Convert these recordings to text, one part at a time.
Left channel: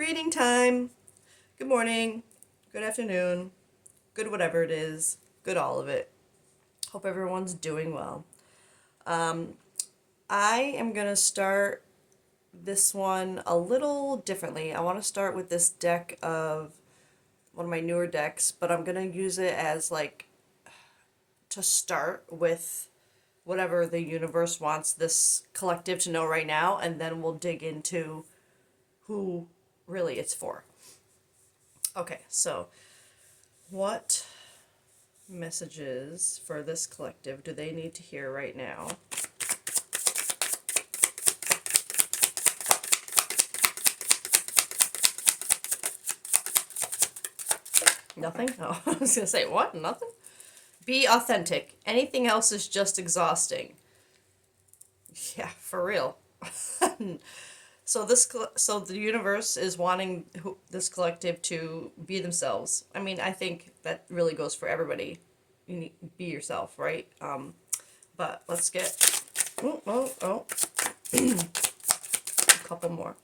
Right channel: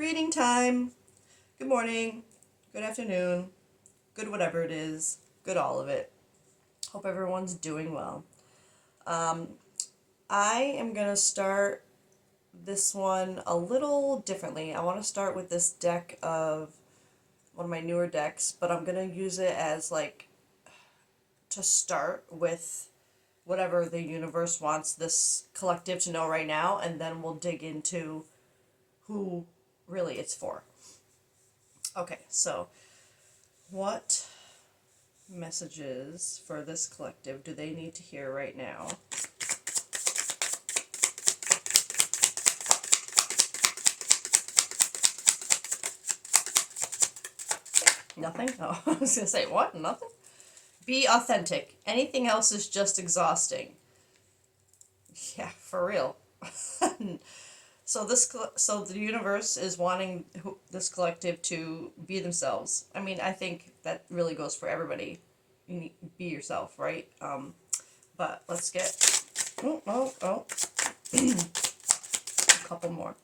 Reading time. Good morning. Good afternoon. Good whatever it is. Good all of it. Hope everyone's doing well. Um, I am going to start this one a little differently. I want to start with this deck of one of my newer decks, but I'm going to use it as like to start with whatever the universe wants this collective to know right now, and then we'll dig into who really it's for. Okay, so what messages for this collective do they need to hear right now? Nothing? Oh, I was gonna say, what? Nothing? Be authentic. Anything else is just exhausting. Yeah, for real. So the universe is wanting this collective to be themselves. I mean, I think that really goes for everybody. You need be yourself, right? But let's get a couple more.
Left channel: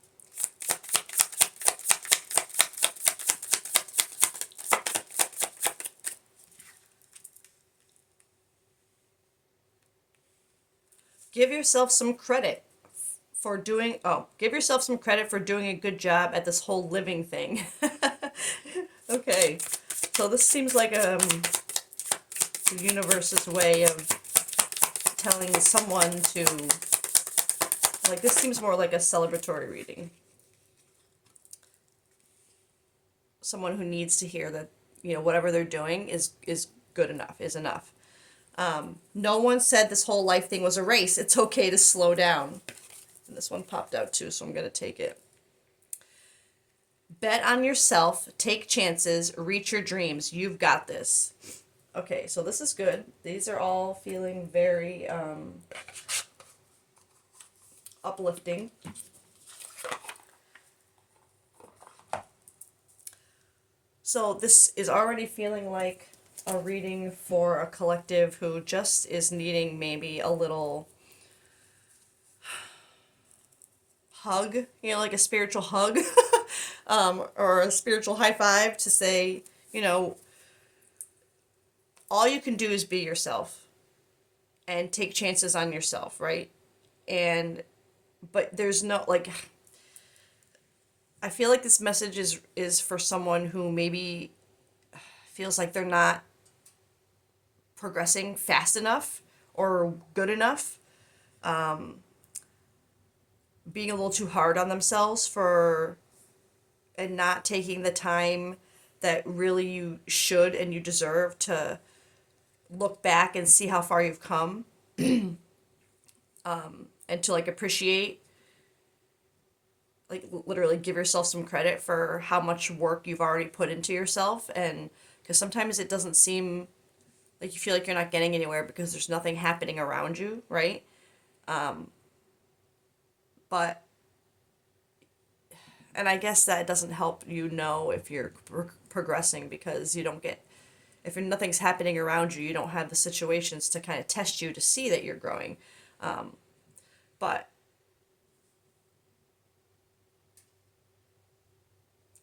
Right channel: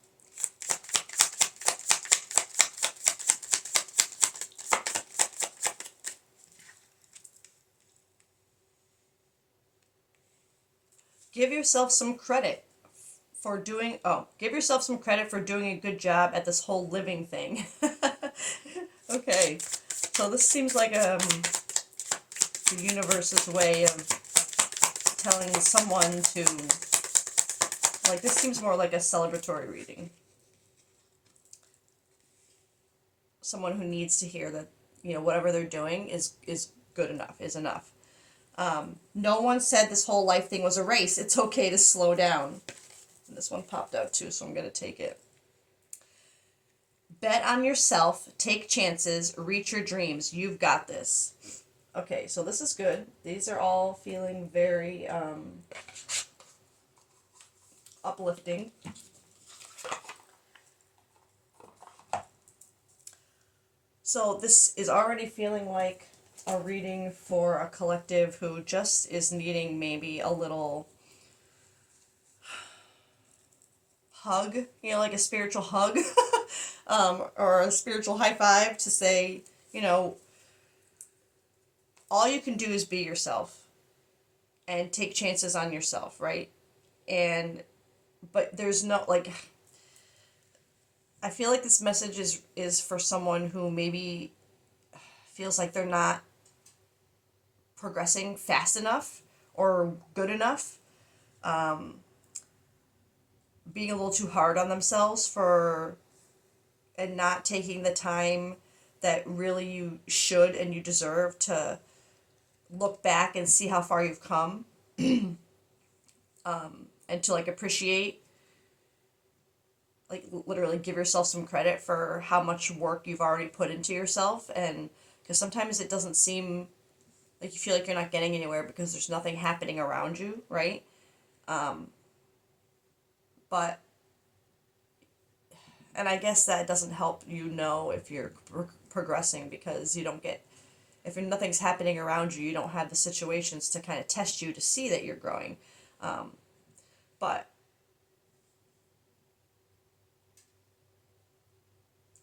Give yourself some credit give yourself some credit for doing a good job at this whole living thing. Okay, so this seems like the universe's way of telling someone to, like, this seems more like a celebratory reading. Someone who needs to hear that, whatever they're doing is good enough, is enough. No one said this whole life thing was a race. It's okay to slow down. And this one popped out too, so I'm going to take it. Bet on yourself, take chances, reach your dreams. You've got this. Okay, so this is good. These are all feeling very uplifting. So this is already feeling like a reading for a collective who just is needing maybe a little hug, like a spiritual hug, or a spiritual high five to say, all you can do is be yourself and take chances on yourself, right? But there's no, like, I feel like this message is for someone who maybe feels like they're not progressing fast enough or good enough, being a little too hard on themselves and not taking the time that really you should and you deserve to look back and see how far you've come, and to like appreciate, like, literally give yourself some credit for how much work you've already put into yourself. And because sometimes it doesn't seem like you feel like you're not getting anywhere because there's nothing happening around you, right? But and I guess that doesn't help you know if you're progressing, because you don't get, if nothing's happening around you, you don't have the situations to kind of test you to see that you're growing. But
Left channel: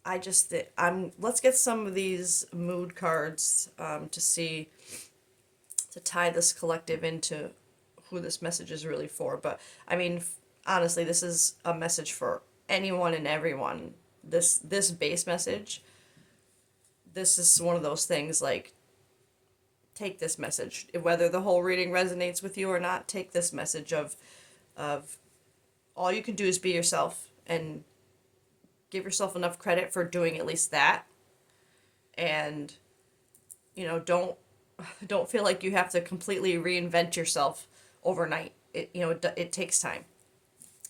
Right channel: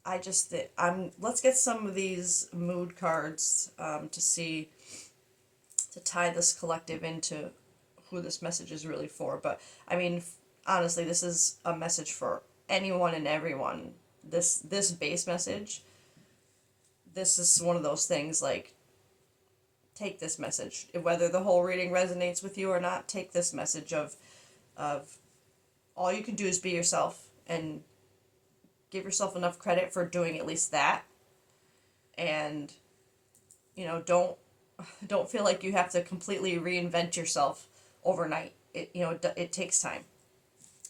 I just let's get some of these mood cards, to see, to tie this collective into who this message is really for. But I mean, honestly, this is a message for anyone and everyone. This base message, this is one of those things, like, take this message, whether the whole reading resonates with you or not. Take this message of all you can do is be yourself, and give yourself enough credit for doing at least that. And don't feel like you have to completely reinvent yourself overnight. It takes time.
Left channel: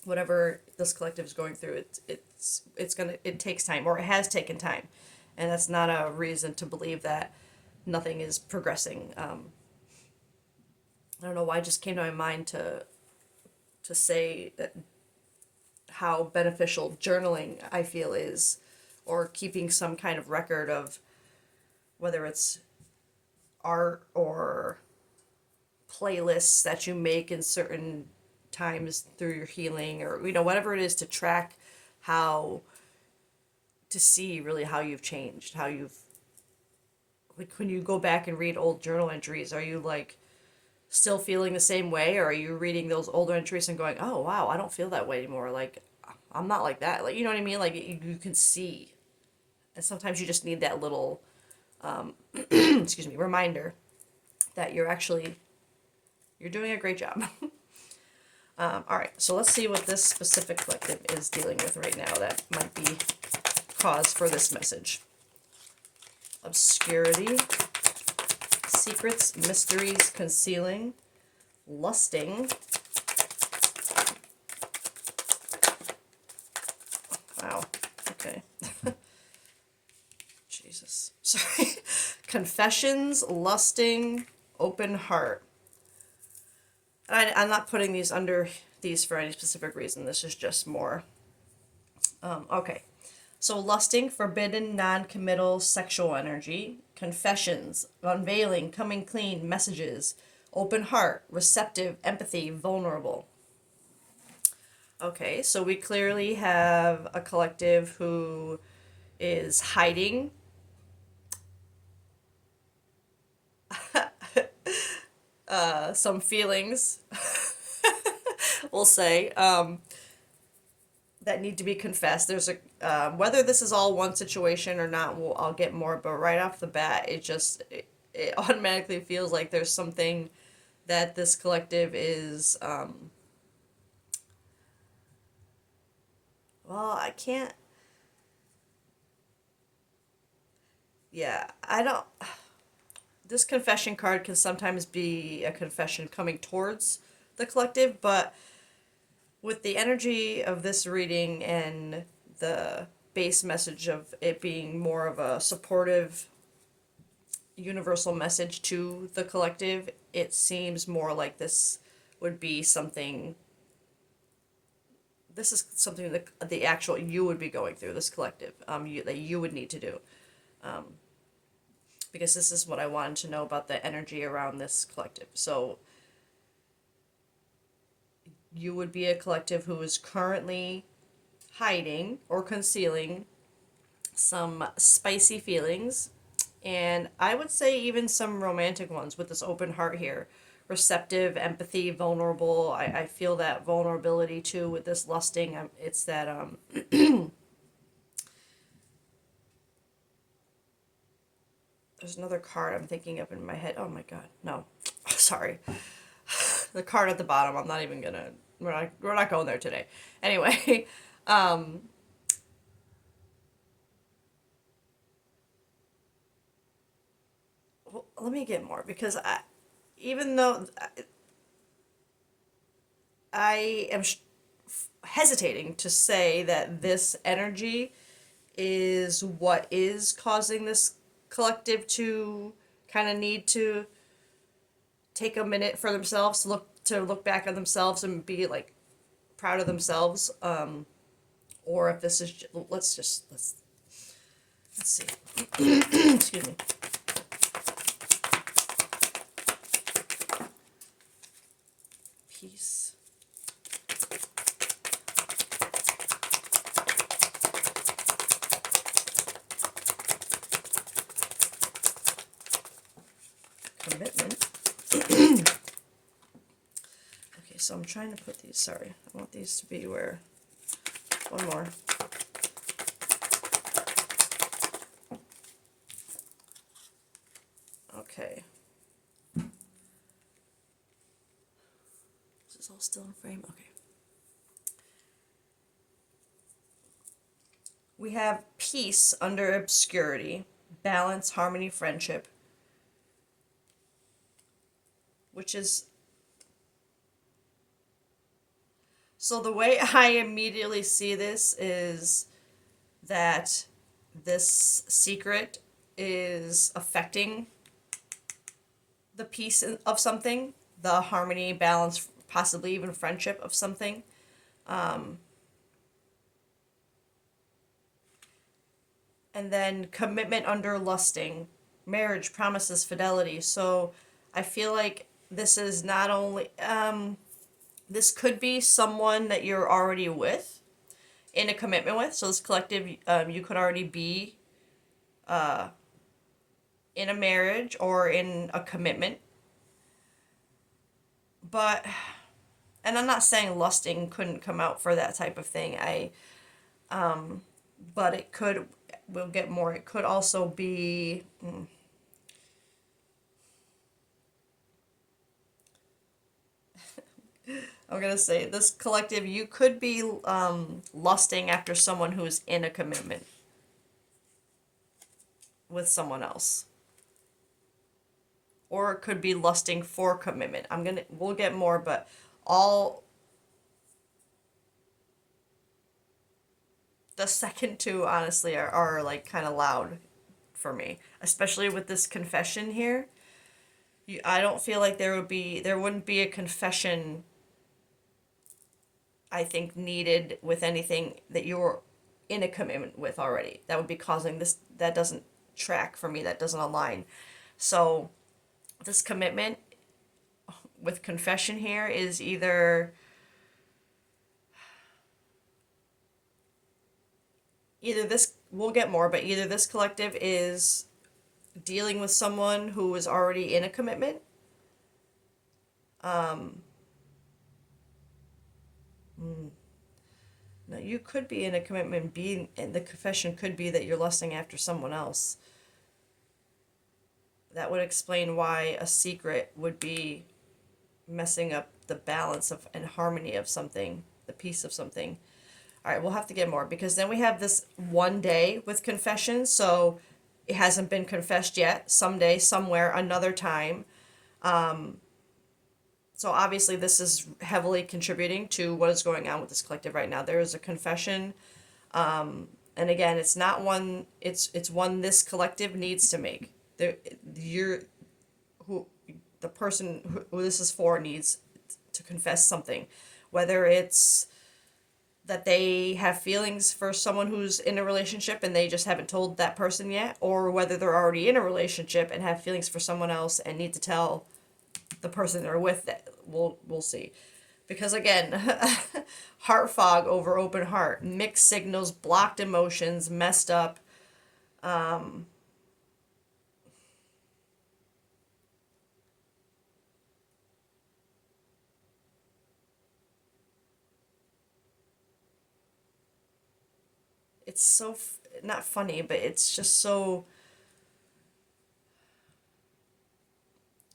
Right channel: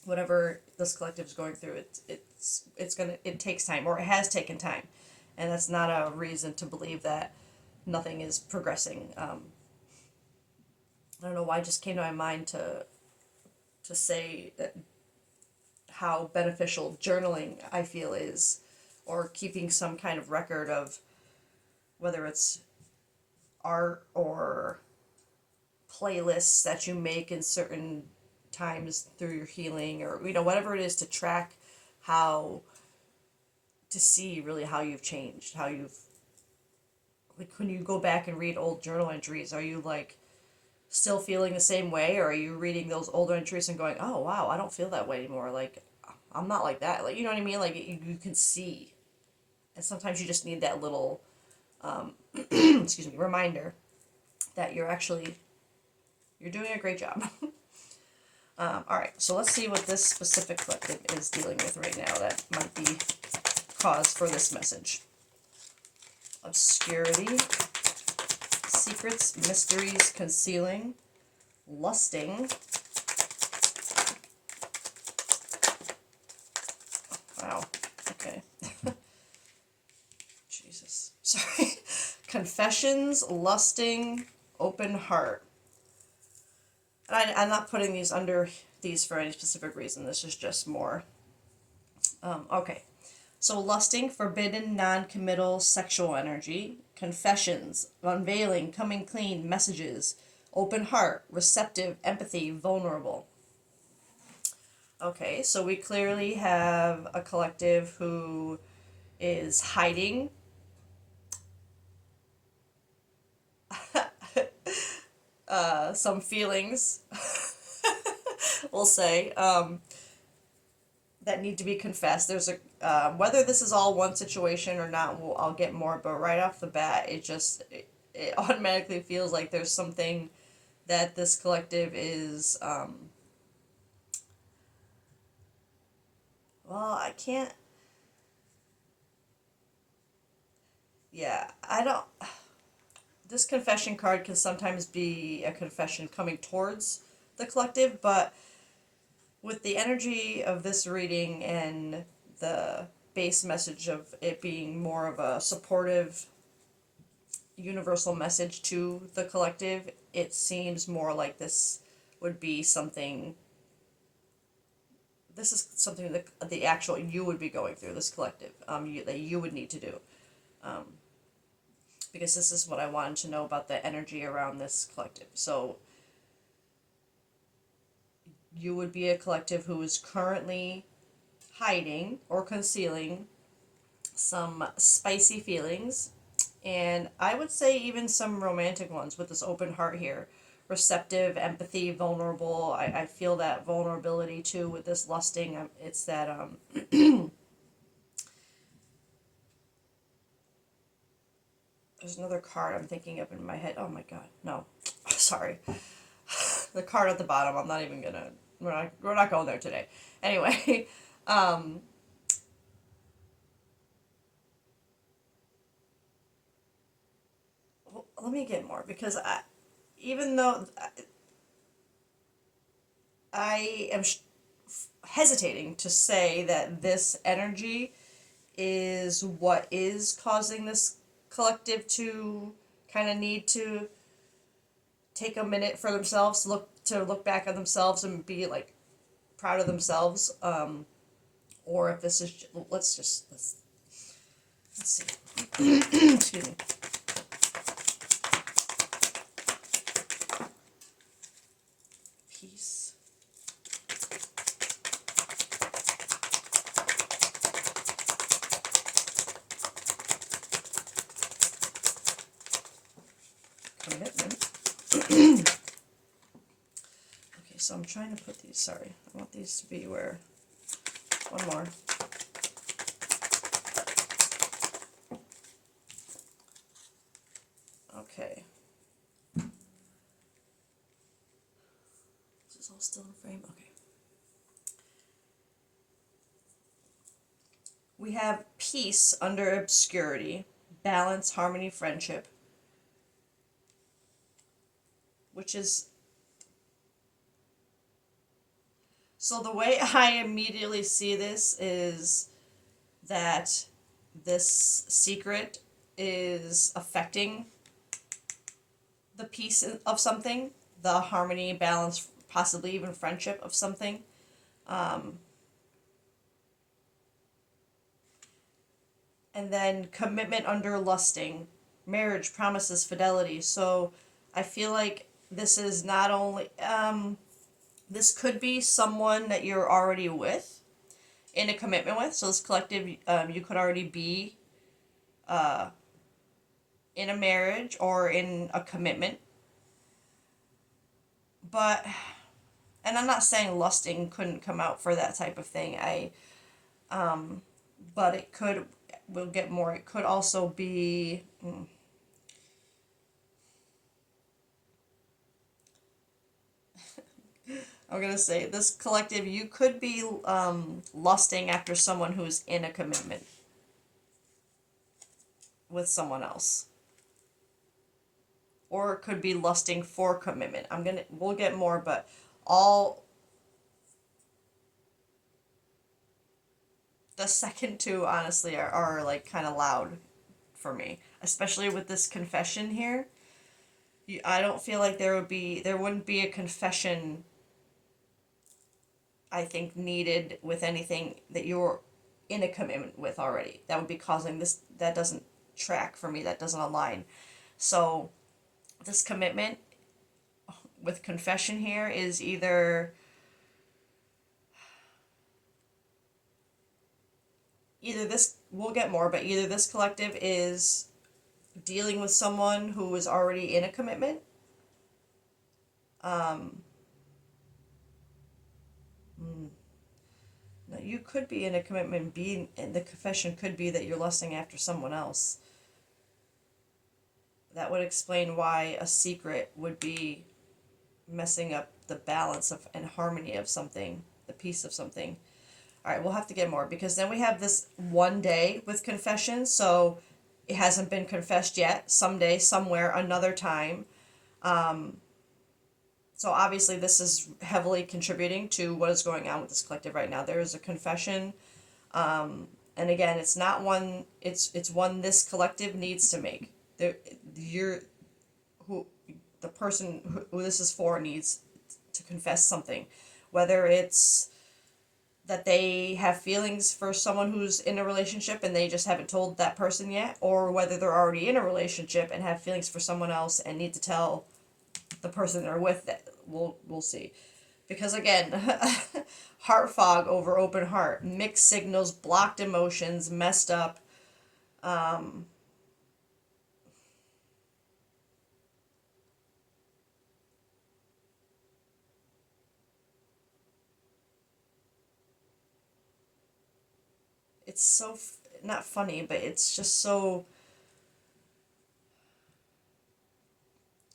Whatever this collective is going through, it takes time, or it has taken time, and that's not a reason to believe that nothing is progressing. I don't know why it just came to my mind to say that how beneficial journaling I feel is, or keeping some kind of record of whether it's art or playlists that you make in certain times through your healing, or whatever it is, to track how to see really how you've changed, how you've, like, when you go back and read old journal entries, are you like still feeling the same way, or are you reading those older entries and going, oh wow, I don't feel that way anymore, like I'm not like that, like, you know what I mean, like you can see. And sometimes you just need that little excuse me, reminder that you're doing a great job. All right, so let's see what this specific collective is dealing with right now that might be cause for this message. Obscurity, secrets, mysteries, concealing, lusting. Wow, okay. Jesus, sorry. Confessions, lusting, open heart. I'm not putting these under these for any specific reason. This is just more. Okay. So lusting, forbidden, non-committal sexual energy. Confessions, unveiling, coming clean, messages. Open heart, receptive, empathy, vulnerable. Okay, so we clearly have a collective who is hiding some feelings, we'll say, that need to be confessed. There's a whether this is all one situation or not, I'll get more. But right off the bat, it automatically feels like there's something that this collective is. Well, I can't. Yeah, I don't. This confession card can sometimes be a confession coming towards the collective, but with the energy of this reading and the base message of it being more of a supportive universal message to the collective, it seems more like this would be something. This is something that the actual you would be going through, this collective, that you would need to do. Because this is what I wanted to know about the energy around this collective. So you would be a collective who is currently hiding or concealing some spicy feelings, and I would say even some romantic ones with this open heart here. Receptive, empathy, vulnerable. I feel that vulnerability too with this lusting. It's that there's another card I'm thinking of in my head. Oh my god, no, sorry. The card at the bottom. I'm not even gonna. We're not going there today. Anyway, well, let me get more because even though I am hesitating to say that this energy is what is causing this collective to kind of need to take a minute for themselves, look back at themselves and be like proud of themselves, or if this is let's see. Excuse me. Peace. Commitment. Okay, so I'm trying to put these, sorry, I want these to be where, one more. Okay. Is this all still in frame? Okay. We have peace under obscurity, balance, harmony, friendship, which is, so the way I immediately see this is that this secret is affecting the peace of something, the harmony, balance, possibly even friendship of something. And then commitment under lusting, marriage, promises, fidelity. So I feel like this is not only, this could be someone that you're already with, in a commitment with. So this collective, you could already be in a marriage or in a commitment. But, and I'm not saying lusting couldn't come out for that type of thing. But it could, we'll get more. It could also be, I'm gonna say this collective, you could be lusting after someone who's in a commitment with someone else. Or it could be lusting for commitment. We'll get more, but all the second two honestly are like kind of loud for me, especially with this confession here. I don't feel like there wouldn't be a confession, I think, needed with anything that you're in a commitment with already. That would be causing this, that doesn't track for me, that doesn't align. So this commitment with confession here is either this, we'll get more, but either this collective is dealing with someone who is already in a commitment. No, you could be in a commitment, being, and the confession could be that you're lusting after someone else. That would explain why a secret would be messing up the balance of and harmony of something, the peace of something. All right, we'll have to get more because then we have this one day with confession. So it hasn't been confessed yet. Someday, somewhere, another time. So obviously, this is heavily contributing to what is going on with this collective right now. There is a confession, and again, it's not one. It's one this collective needs to make. There, you're who the person who this is for needs to confess something, whether it's that they have feelings for someone who's in a relationship and they just haven't told that person yet, or whether they're already in a relationship and have feelings for someone else and need to tell the person they're with. That we'll see, because again, heart fog over open heart, mixed signals, blocked emotions, messed up. It's so not funny, but it's just so,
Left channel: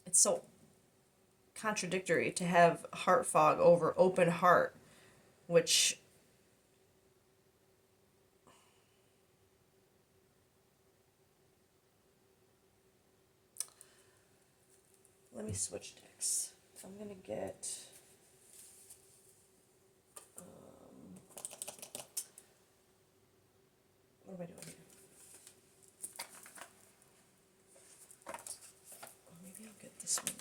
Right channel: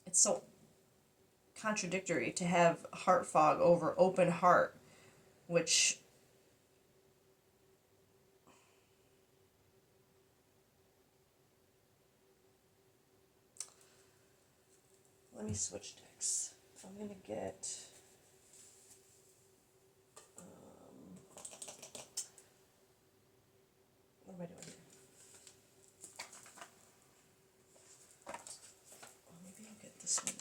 it's so contradictory to have heart fog over open heart, which, let me switch decks. I'm gonna get, what am I doing here? Maybe I'll get this one.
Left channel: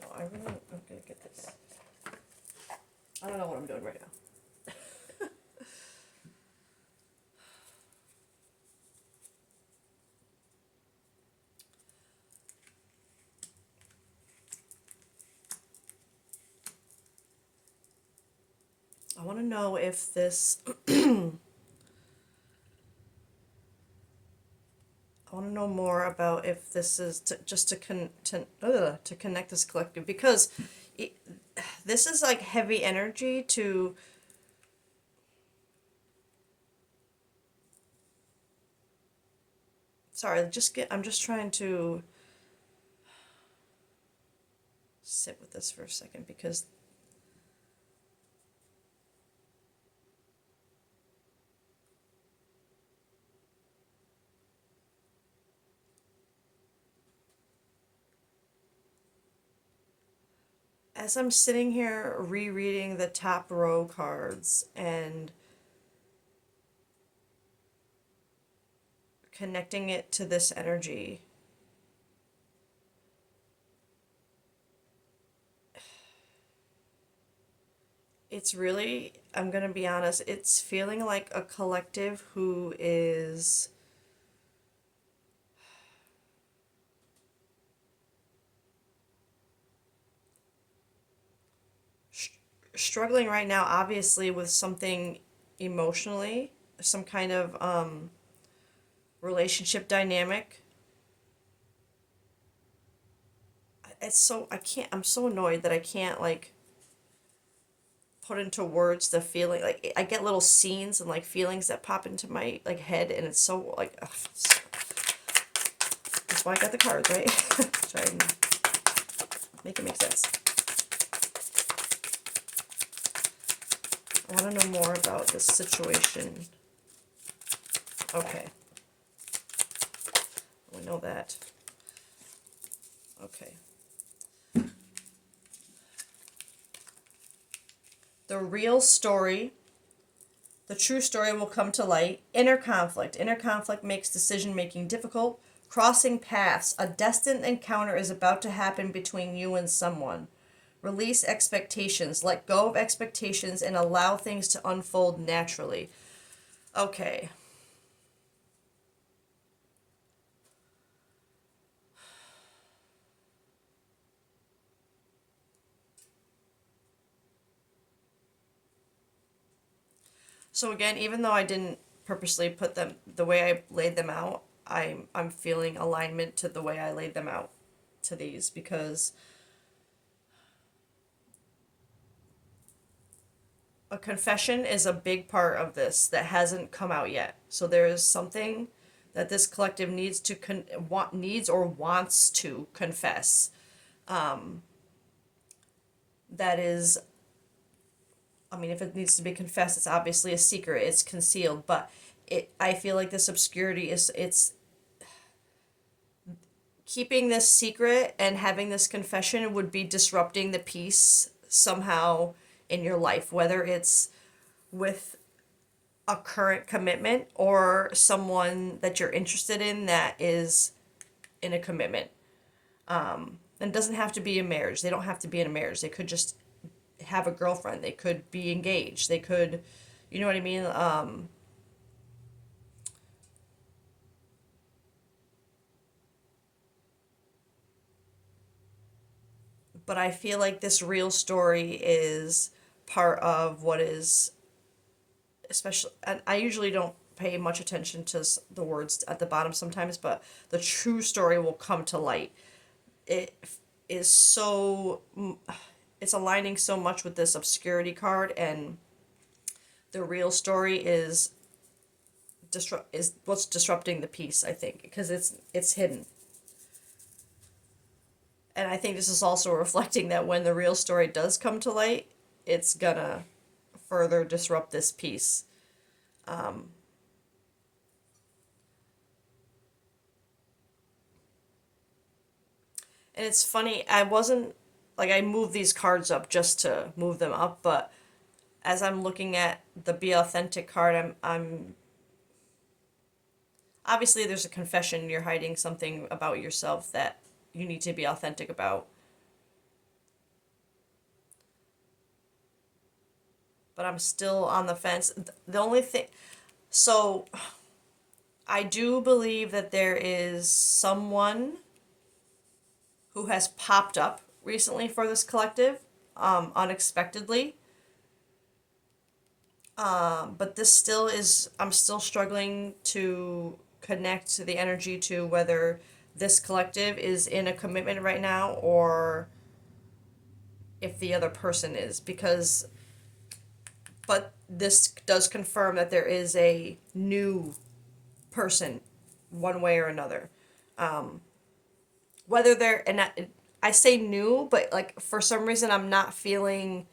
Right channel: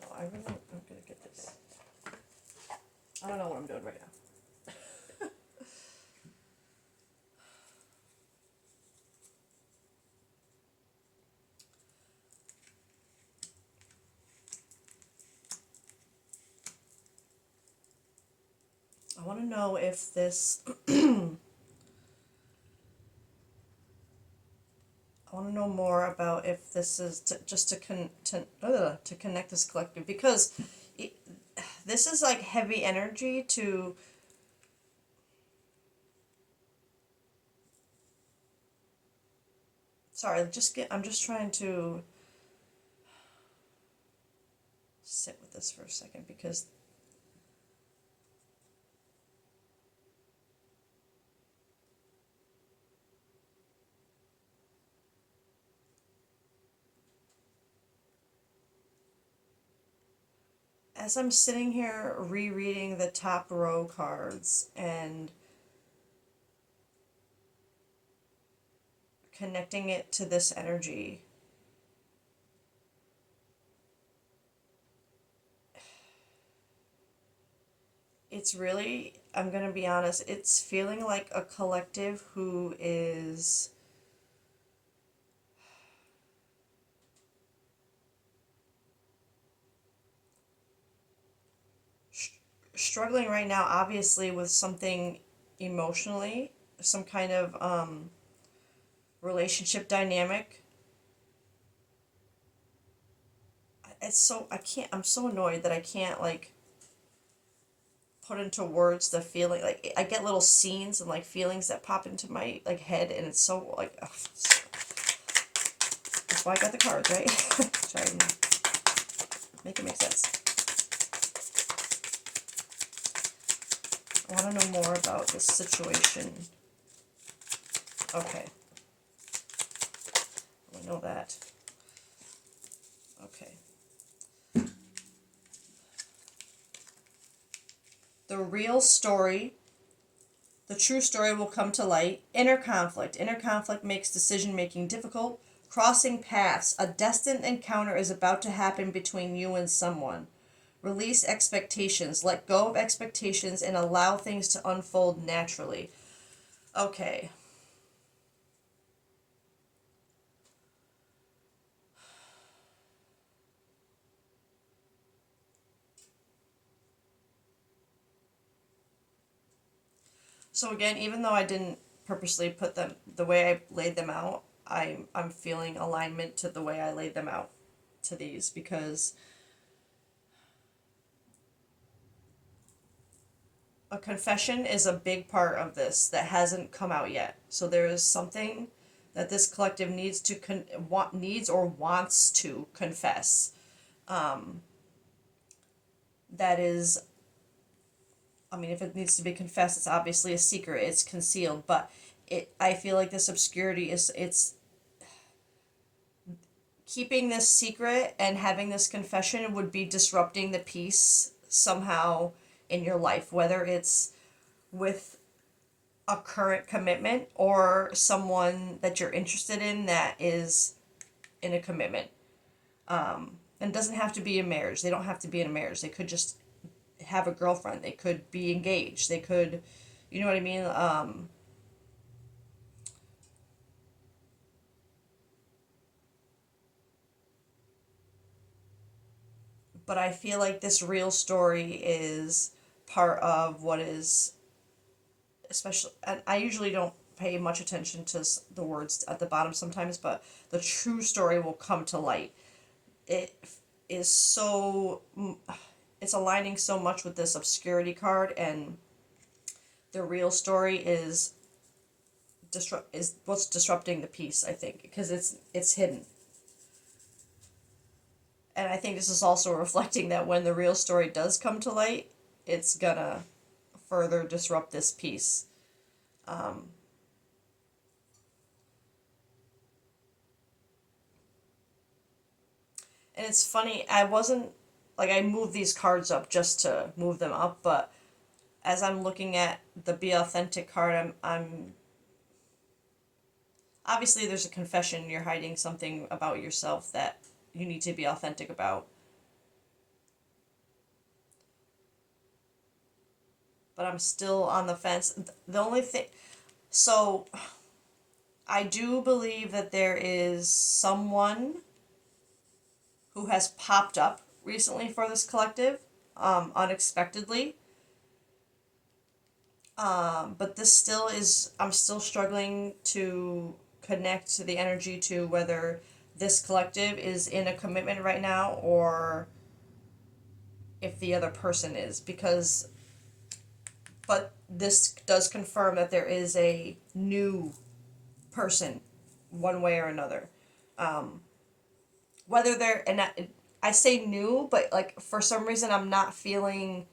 No, I really, I'm gonna get this. I don't know what I'm doing right now. I want to know if this, I want to know more about if this is just to connect this collective, because it, this is like heavy energy to, sorry, I'm just trying to sit with this for a second, because as I'm sitting here rereading the top row cards and connecting it to this energy, it's really, I'm gonna be honest, it's feeling like a collective who is struggling right now, obviously, with something emotionally, some kind of relationship dynamic. It's so, I can't, I'm so annoyed that I can't, like, put into words the feeling. Like, I get little scenes and, like, feelings that pop into my, like, head, and it's so, like, ugh, that's why I got the cards, right? Try and make it make sense. I want to know more about this situation. Okay. We know that. Okay. The real story, the true story will come to light. Inner conflict. Inner conflict makes decision making difficult. Crossing paths. A destined encounter is about to happen between you and someone. Release expectations. Let go of expectations and allow things to unfold naturally. Okay. So again, even though I didn't purposely put them the way I laid them out, I'm feeling alignment to the way I laid them out to these, because a confession is a big part of this that hasn't come out yet. So there is something that this collective needs to needs or wants to confess. That is, I mean, if it needs to be confessed, it's obviously a secret. It's concealed, but I feel like this obscurity is, it's keeping this secret and having this confession would be disrupting the peace somehow in your life, whether it's with a current commitment or someone that you're interested in that is in a commitment. And it doesn't have to be a marriage. They don't have to be in a marriage. They could just have a girlfriend. They could be engaged. They could, you know what I mean? But I feel like this real story is part of what is, especially, and I usually don't pay much attention to the words at the bottom sometimes, but the true story will come to light. It is so, it's aligning so much with this obscurity card, and the real story is what's disrupting the peace, I think, because it's hidden. And I think this is also reflecting that when the real story does come to light, it's gonna further disrupt this piece. Um, and it's funny, I wasn't, like, I moved these cards up just to move them up, but as I'm looking at the Be Authentic card, I'm obviously there's a confession. You're hiding something about yourself that you need to be authentic about. But I'm still on the fence. The only thing, so I do believe that there is someone who has popped up recently for this collective, unexpectedly. But this still is, I'm still struggling to connect to the energy to whether this collective is in a commitment right now or if the other person is, because, but this does confirm that there is a new person one way or another. Um, Whether they're, and I say new, but like for some reason I'm not feeling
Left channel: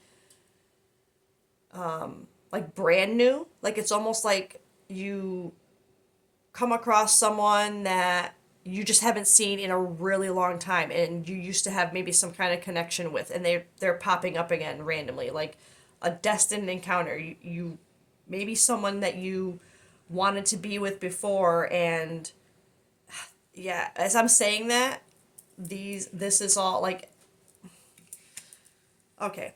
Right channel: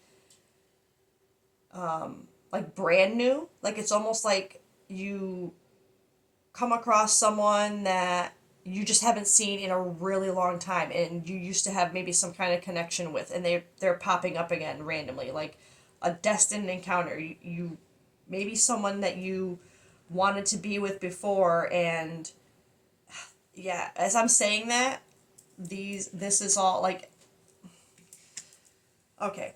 like brand new. Like it's almost like you come across someone that you just haven't seen in a really long time and you used to have maybe some kind of connection with, and they're popping up again randomly, like a destined encounter. You maybe someone that you wanted to be with before, and yeah, as I'm saying that, this is all like, okay,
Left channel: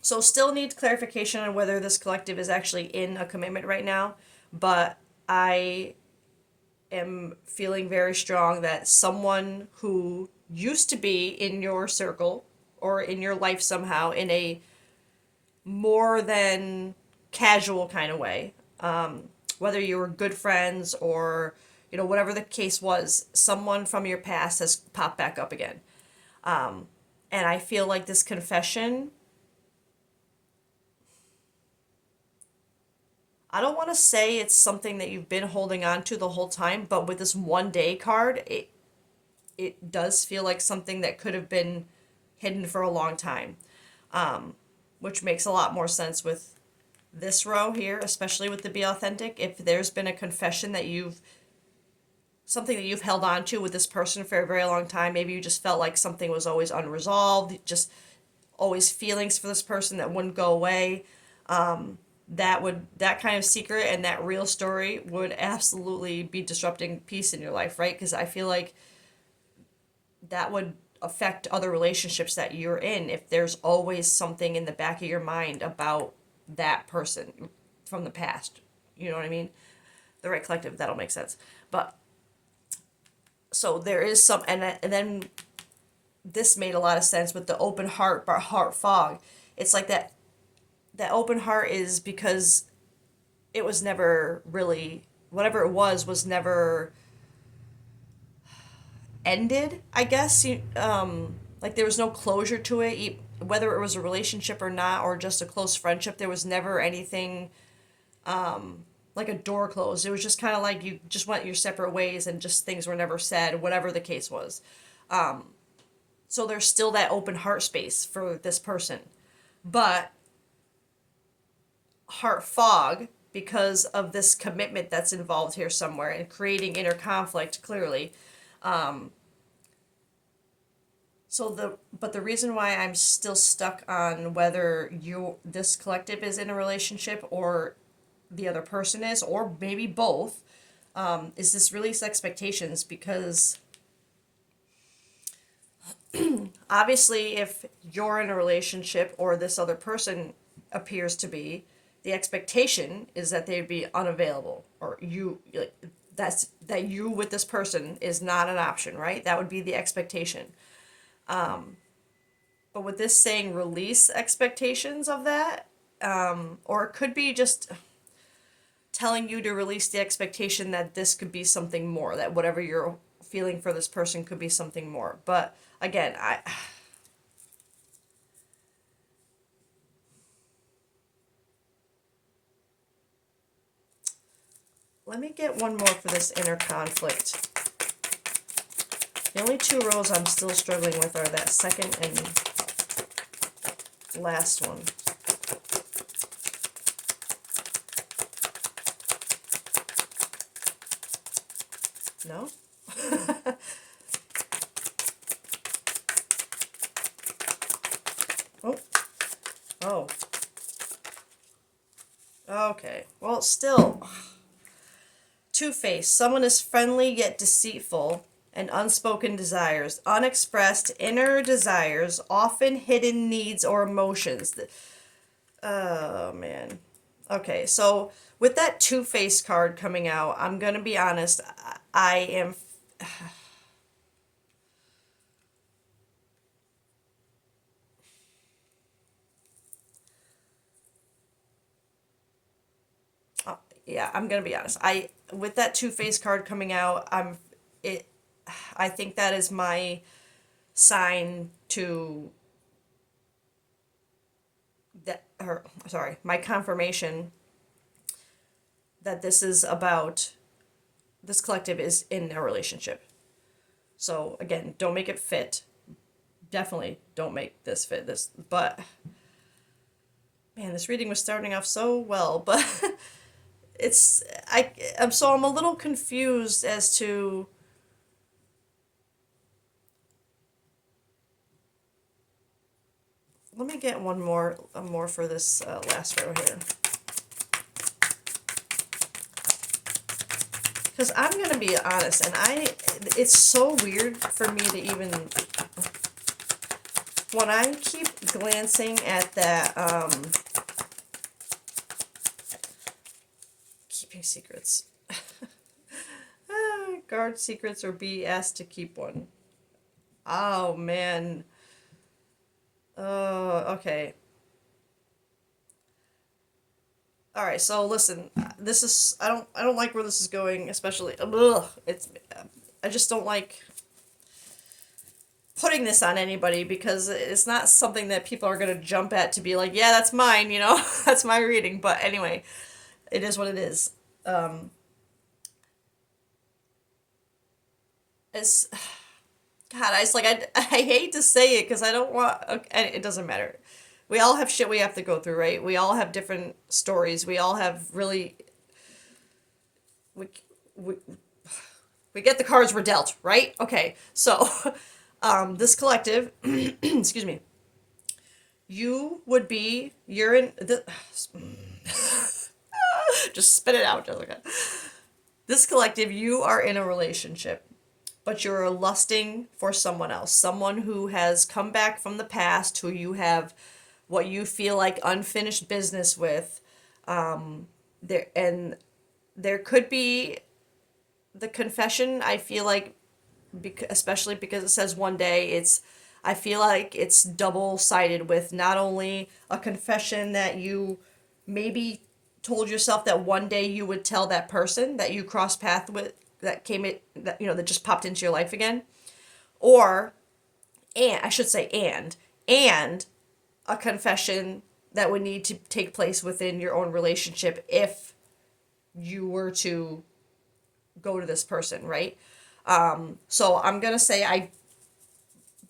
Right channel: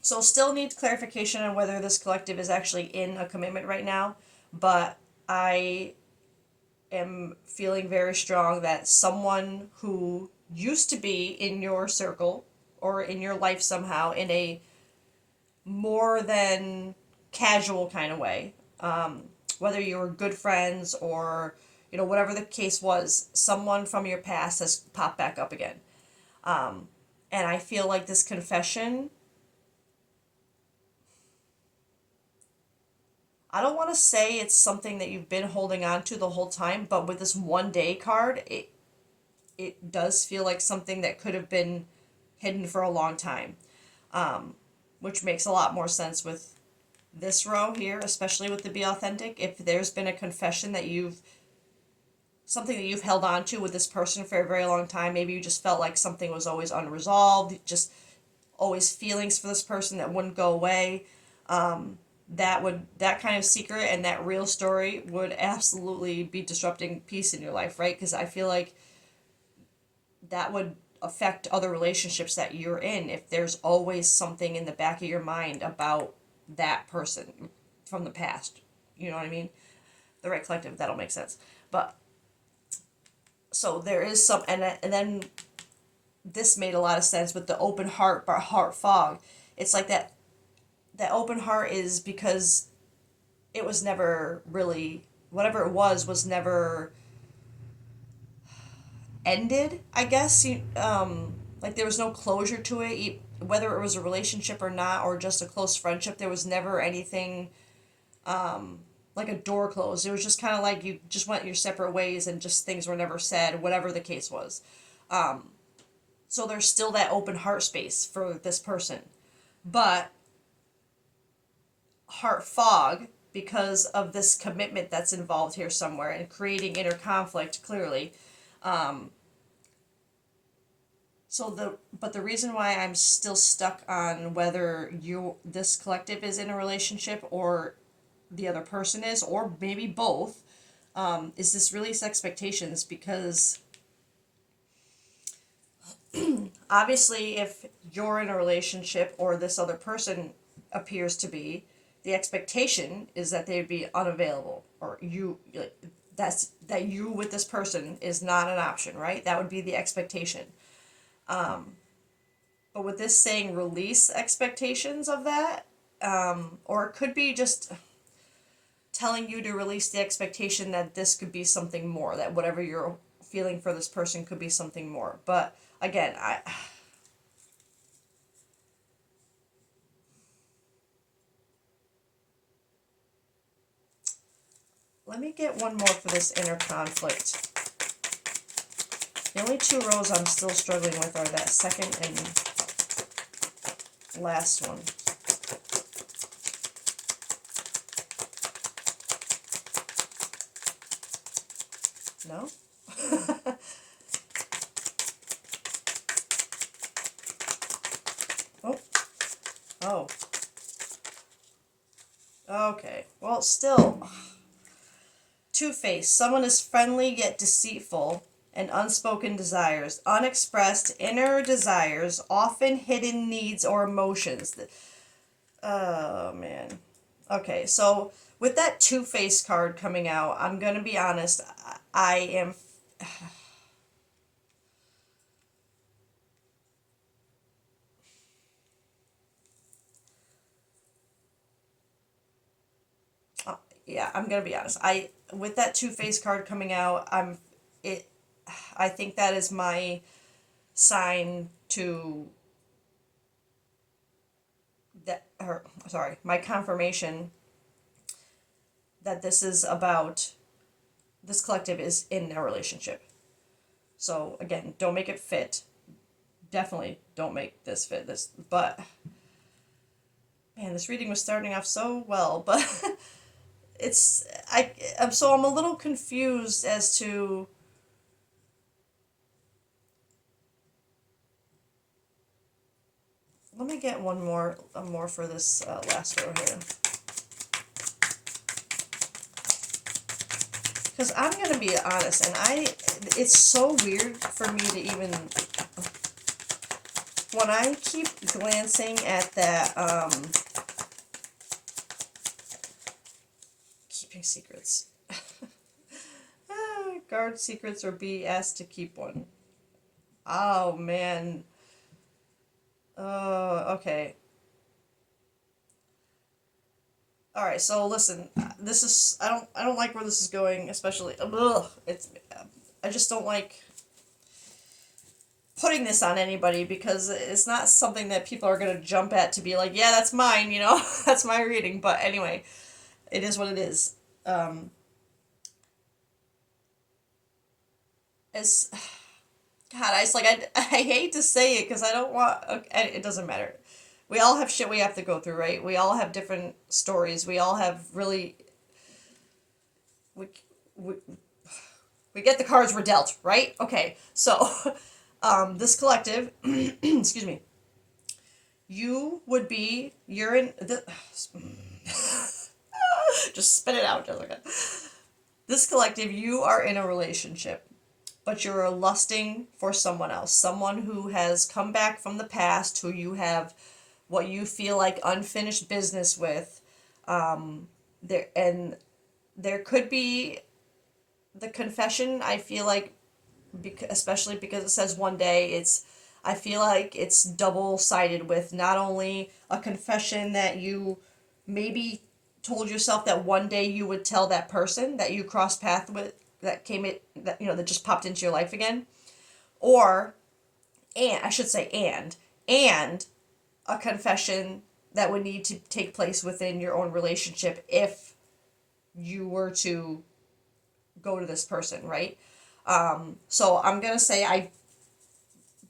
so still needs clarification on whether this collective is actually in a commitment right now, but I am feeling very strong that someone who used to be in your circle or in your life somehow in a more than casual kind of way. Whether you were good friends or, whatever the case was, someone from your past has popped back up again. And I feel like this confession, I don't want to say it's something that you've been holding on to the whole time, but with this 1 day card, it does feel like something that could have been hidden for a long time, which makes a lot more sense with this row here, especially with the be authentic. If there's been a confession that something that you've held on to with this person for a very long time, maybe you just felt like something was always unresolved, just always feelings for this person that wouldn't go away. That kind of secret and that real story would absolutely be disrupting peace in your life, right? Because I feel like that would affect other relationships that you're in if there's always something in the back of your mind about that person from the past. You know what I mean? The right collective, that'll make sense. But so there is some, and then this made a lot of sense with the open heart, but heart fog. It's like that open heart is because it was never really, whatever it was never ended, I guess. Like there was no closure to it, whether it was a relationship or not, or just a close friendship. There was never anything like a door closed. It was just kind of like you just went your separate ways and just things were never said, whatever the case was. So there's still that open heart space for this person. But heart fog, because of this commitment that's involved here somewhere and creating inner conflict clearly. But the reason why I'm still stuck on whether this collective is in a relationship or the other person is, or maybe both, is this release expectations, because obviously if you're in a relationship or this other person appears to be, the expectation is that they'd be unavailable, or that you with this person is not an option, right? That would be the expectation. But with this saying release expectations of that, or it could be just telling you to release the expectation that this could be something more, that whatever you're feeling for this person could be something more. But again, let me get one more for this inner conflict. The only two rows I'm still struggling with are that second and last one. No? Oh. Oh. Okay. Well, still. Two-faced. Someone is friendly yet deceitful, and unspoken desires, unexpressed inner desires, often hidden needs or emotions. Oh, man. Okay, so with that two-faced card coming out, I'm gonna be honest, I am. Yeah, I'm gonna be honest. With that two-faced card coming out, it. I think that is my sign to or sorry, my confirmation that this collective is in a relationship. So again, don't make it fit. Definitely don't make this fit this. But man, this reading was starting off so well, but it's I'm a little confused as to. Let me get one more for this last row here. Because I'm gonna be honest, and it's so weird for me to even, when I keep glancing at that, keeping secrets. Guard secrets or be asked to keep one. Oh, man. Oh, okay. All right, so listen, this is I don't like where this is going, especially ugh, it's I just don't like putting this on anybody because it's not something that people are going to jump at to be like, yeah, that's mine, that's my reading. But anyway, it is what it is. Um, it's God, I just like I hate to say it because I don't want. Okay, it doesn't matter. We all have shit we have to go through, right? We all have different stories. We all have really we we, we get the cards we're dealt, right? Okay, so this collective, excuse me, you would be you're in the just spit it out, Jessica. This collective, you are in a relationship, but you're lusting for someone else, someone who has come back from the past, who you have what you feel like unfinished business with. There and there could be the confession. I feel like, especially because it says one day, I feel like it's double sided with not only a confession that you maybe told yourself that one day you would tell that person that you crossed path with, that came in, that that just popped into your life again, or and I should say and a confession that would need to take place within your own relationship if you were to go to this person, right? So I'm gonna say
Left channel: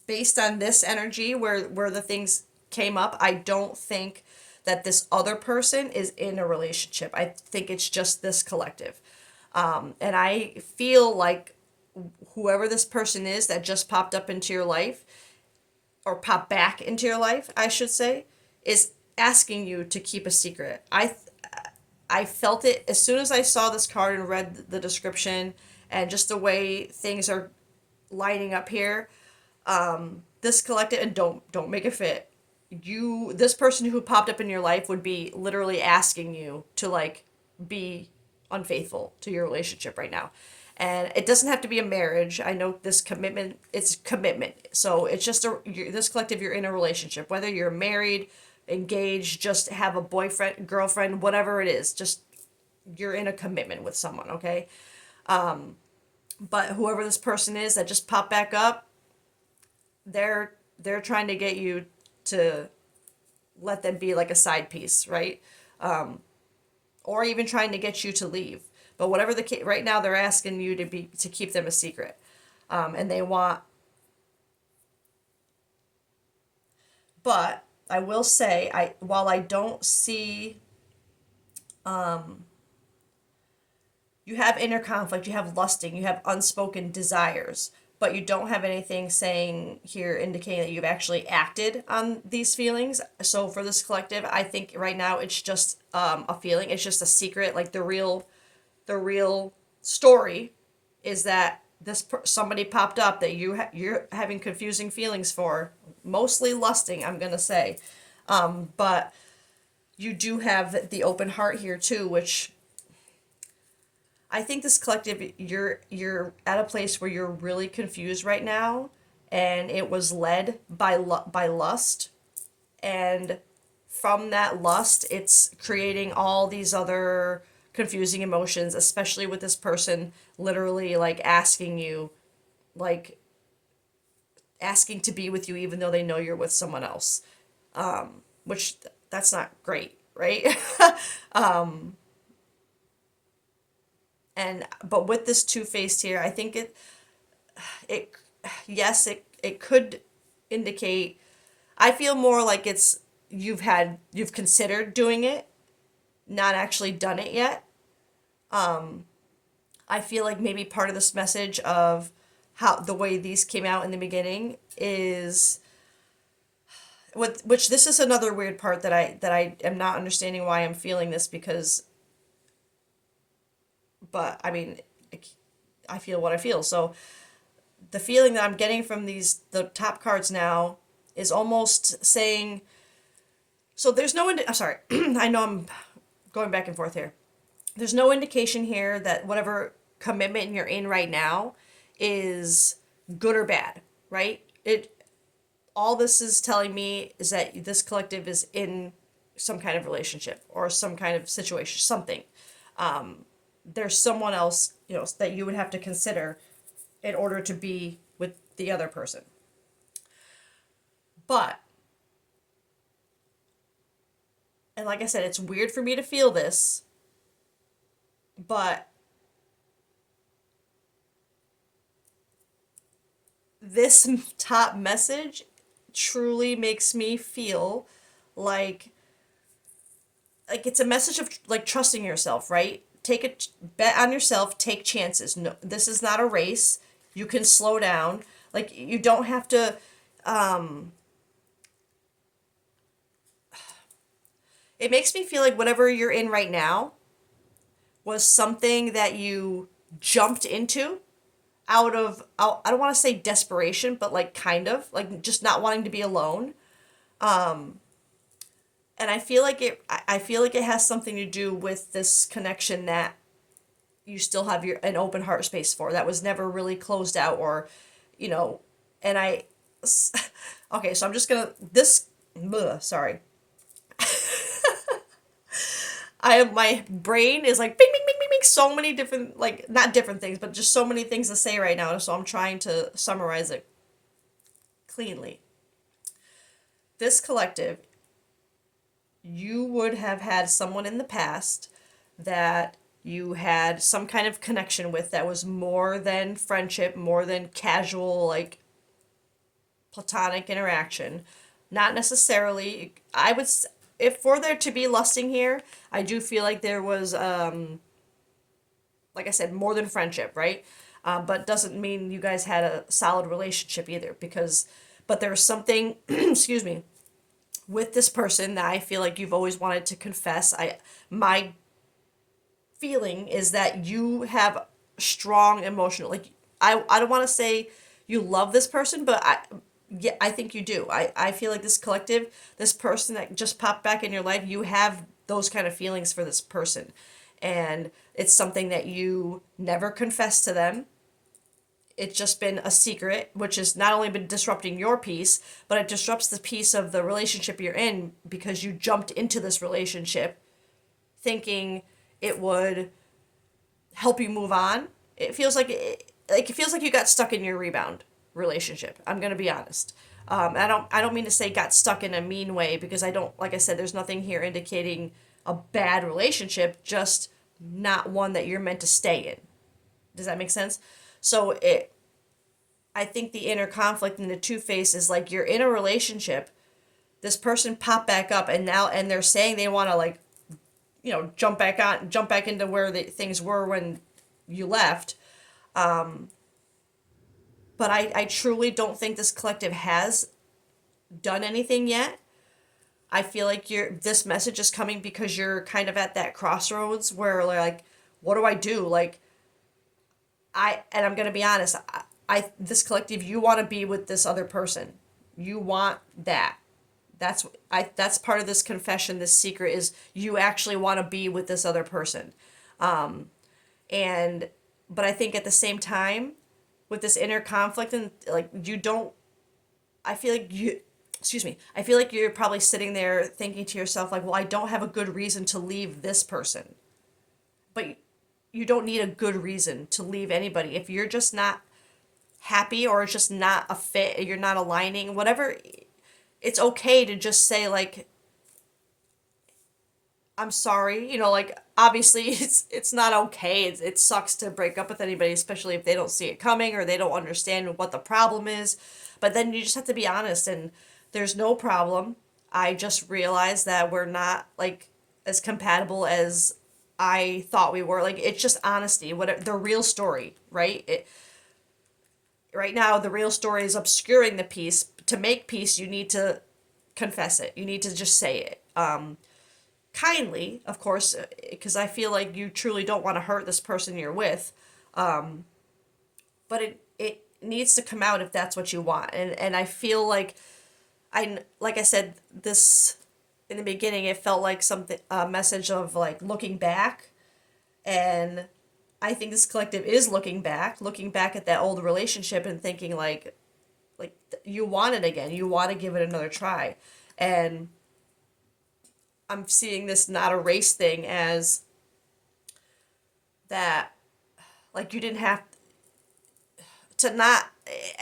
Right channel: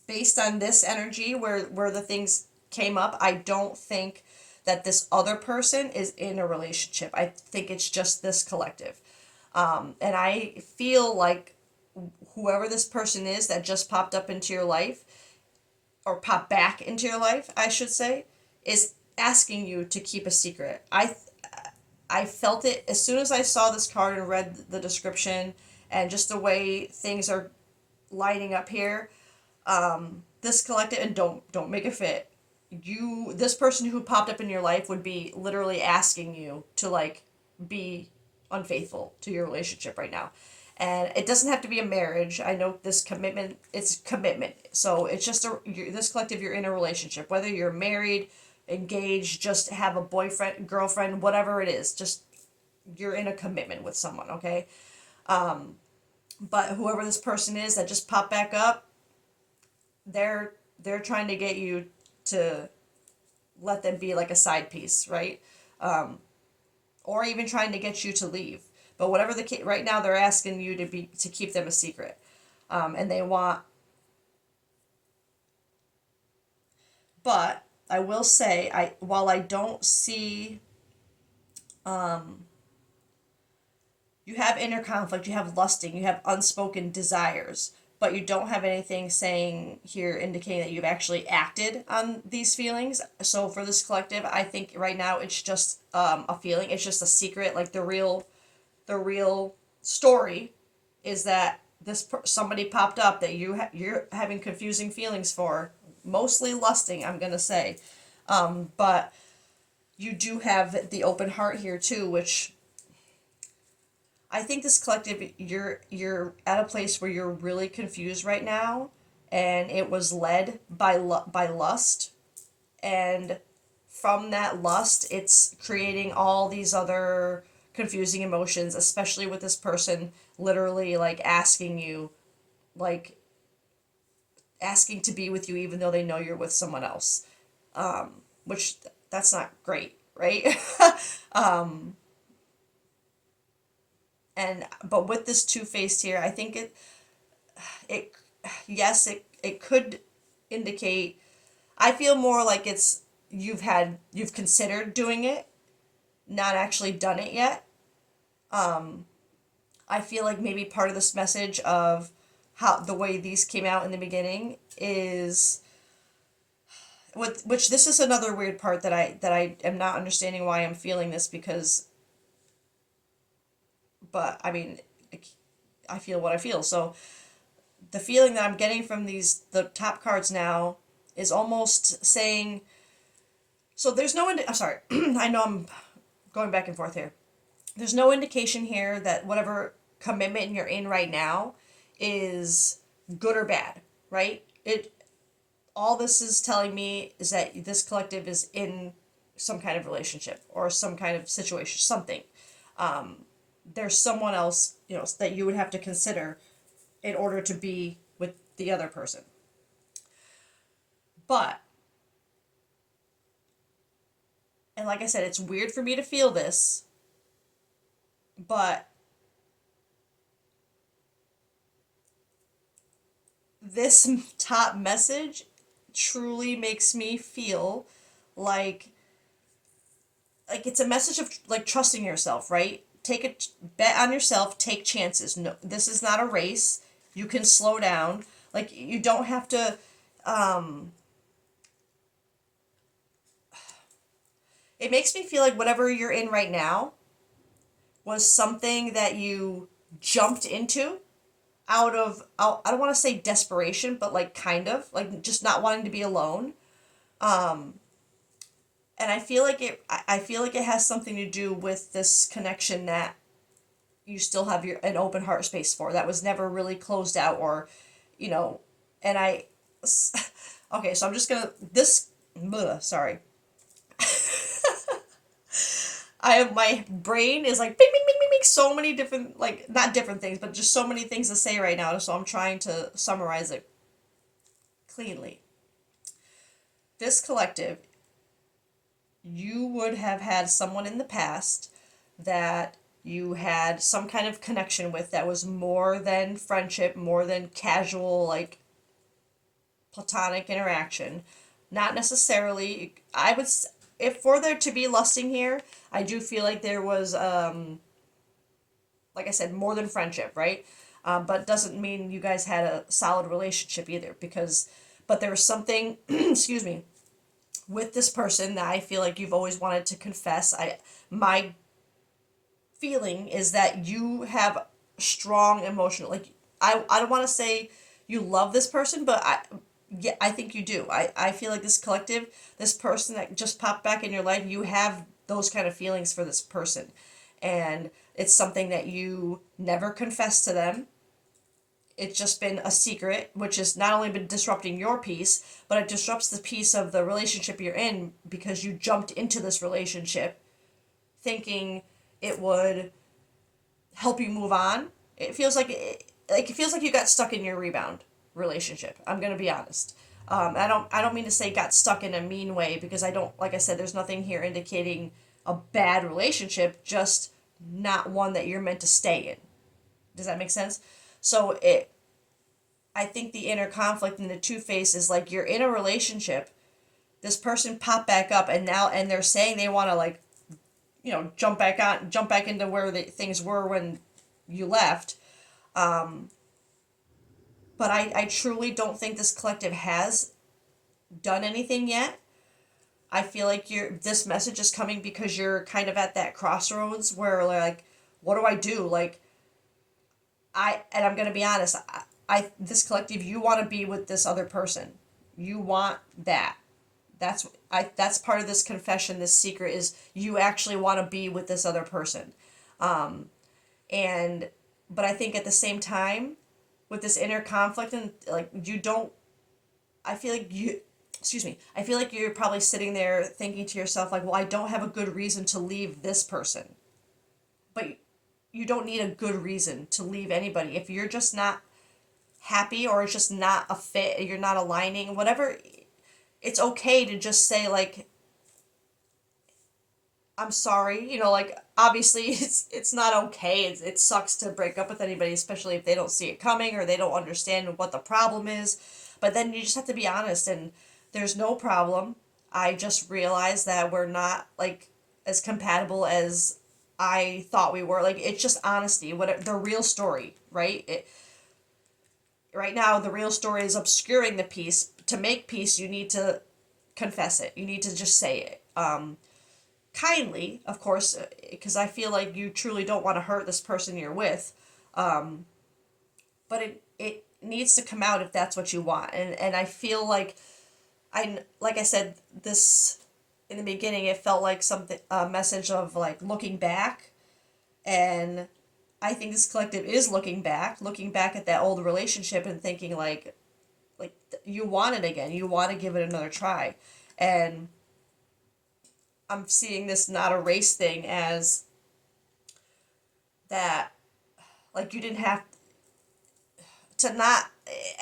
based on this energy where the things came up, I don't think that this other person is in a relationship. I think it's just this collective. And I feel like whoever this person is that just popped up into your life, or popped back into your life, I should say, is asking you to keep a secret. I felt it as soon as I saw this card and read the description and just the way things are lighting up here. This collective, and don't make it fit. This person who popped up in your life would be literally asking you to like be unfaithful to your relationship right now. And it doesn't have to be a marriage. I know this commitment, it's commitment. So it's just this collective, you're in a relationship, whether you're married, engaged, just have a boyfriend, girlfriend, whatever it is, just you're in a commitment with someone, okay? But whoever this person is that just popped back up, they're trying to get you to let them be like a side piece, right? Or even trying to get you to leave. But whatever the case, right now they're asking you to keep them a secret, and they want. But I will say, while I don't see, you have inner conflict, you have lusting, you have unspoken desires, but you don't have anything saying here indicating that you've actually acted on these feelings. So for this collective, I think right now it's just a feeling. It's just a secret. Like the real story is that somebody popped up that you're having confusing feelings for, mostly lusting, I'm gonna say, but you do have the open heart here too, which I think this collective, you're at a place where you're really confused right now, and it was led by lust, and from that lust, it's creating all these other confusing emotions, especially with this person literally like like asking to be with you even though they know you're with someone else, which that's not great, right? And but with this two-faced here, I think it yes, it could indicate. I feel more like it's you've considered doing it, not actually done it yet. I feel like maybe part of this message of how the way these came out in the beginning is which this is another weird part that I am not understanding why I'm feeling this, because but I mean I feel what I feel. So the feeling that I'm getting from the top cards now is almost saying, so there's no I'm sorry. I know I'm going back and forth here. There's no indication here that whatever commitment you're in right now is good or bad, right? It all this is telling me is that this collective some kind of relationship or some kind of situation, something. There's someone else, that you would have to consider in order to be with the other person. But, and like I said, it's weird for me to feel this, but this top message truly makes me feel like like it's a message of like trusting yourself, right? Take a bet on yourself, take chances. No, this is not a race. You can slow down. Like you don't have to it makes me feel like whatever you're in right now was something that you jumped into I don't want to say desperation, but like kind of like just not wanting to be alone. And I feel like it has something to do with this connection that you still have an open heart space for that was never really closed out, or you know and I okay, so I'm just gonna this sorry. I have my brain is like bing bing bing bing bing, so many different, like not different things, but just so many things to say right now, so I'm trying to summarize it cleanly. This collective, you would have had someone in the past that you had some kind of connection with that was more than friendship, more than casual, like platonic interaction. Not necessarily, if for there to be lusting here, I do feel like there was, like I said, more than friendship, right? But doesn't mean you guys had a solid relationship either, but there was something, excuse me, with this person that I feel like you've always wanted to confess. My feeling is that you have strong emotional, like I don't want to say you love this person, but yeah, I think you do. I feel like this collective, this person that just popped back in your life, you have those kind of feelings for this person. And it's something that you never confess to them. It's just been a secret, which has not only been disrupting your peace, but it disrupts the peace of the relationship you're in because you jumped into this relationship thinking it would help you move on. It feels like you got stuck in your rebound relationship. I'm gonna be honest. I don't mean to say got stuck in a mean way, because I don't, like I said, there's nothing here indicating a bad relationship, just not one that you're meant to stay in. Does that make sense? So I think the inner conflict and the two face is like you're in a relationship, this person popped back up, and they're saying they want to, like, jump back into where things were when you left. But I truly don't think this collective has done anything yet. I feel like this message is coming because you're kind of at that crossroads where, like, what do I do? Like, and I'm gonna be honest, this collective, you want to be with this other person. You want that. That's part of this confession, this secret, is you actually want to be with this other person. And but I think at the same time, with this inner conflict, and like you don't I feel like you excuse me, I feel like you're probably sitting there thinking to yourself, like, well, I don't have a good reason to leave this person. But you don't need a good reason to leave anybody. If you're just not happy, or it's just not a fit, you're not aligning, whatever, it's okay to just say, like, I'm sorry, like, obviously it's not okay. It sucks to break up with anybody, especially if they don't see it coming or they don't understand what the problem is. But then you just have to be honest, and there's no problem. I just realized that we're not, like, as compatible as I thought we were. Like, it's just honesty. What the real story, right? Right now, the real story is obscuring the peace. To make peace, you need to confess it. You need to just say it. Kindly, of course, because I feel like you truly don't want to hurt this person you're with. But it needs to come out if that's what you want. And I feel like like I said, this in the beginning, it felt like something, a message of, like, looking back. And I think this collective is looking back at that old relationship and thinking, like you want it again. You want to give it another try. And I'm seeing this not a race thing as that, like, you didn't have to not.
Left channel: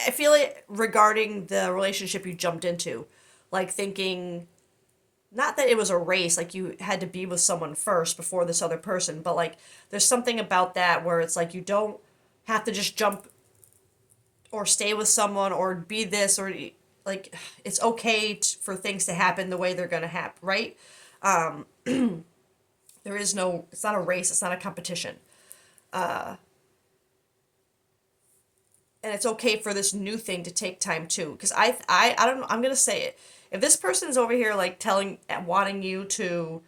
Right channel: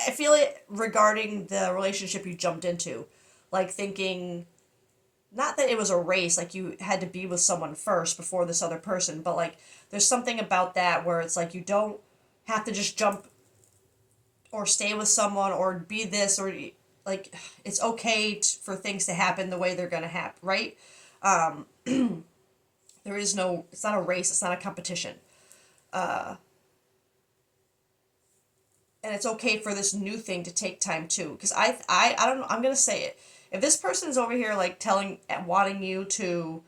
I feel it regarding the relationship you jumped into, like thinking not that it was a race, like you had to be with someone first before this other person, but like there's something about that where it's like you don't have to just jump or stay with someone or be this or like it's okay for things to happen the way they're going to happen, right? Um, there is no, it's not a race, it's not a competition. Uh, and it's okay for this new thing to take time too. Because I don't know, I'm going to say it. If this person's over here like wanting you to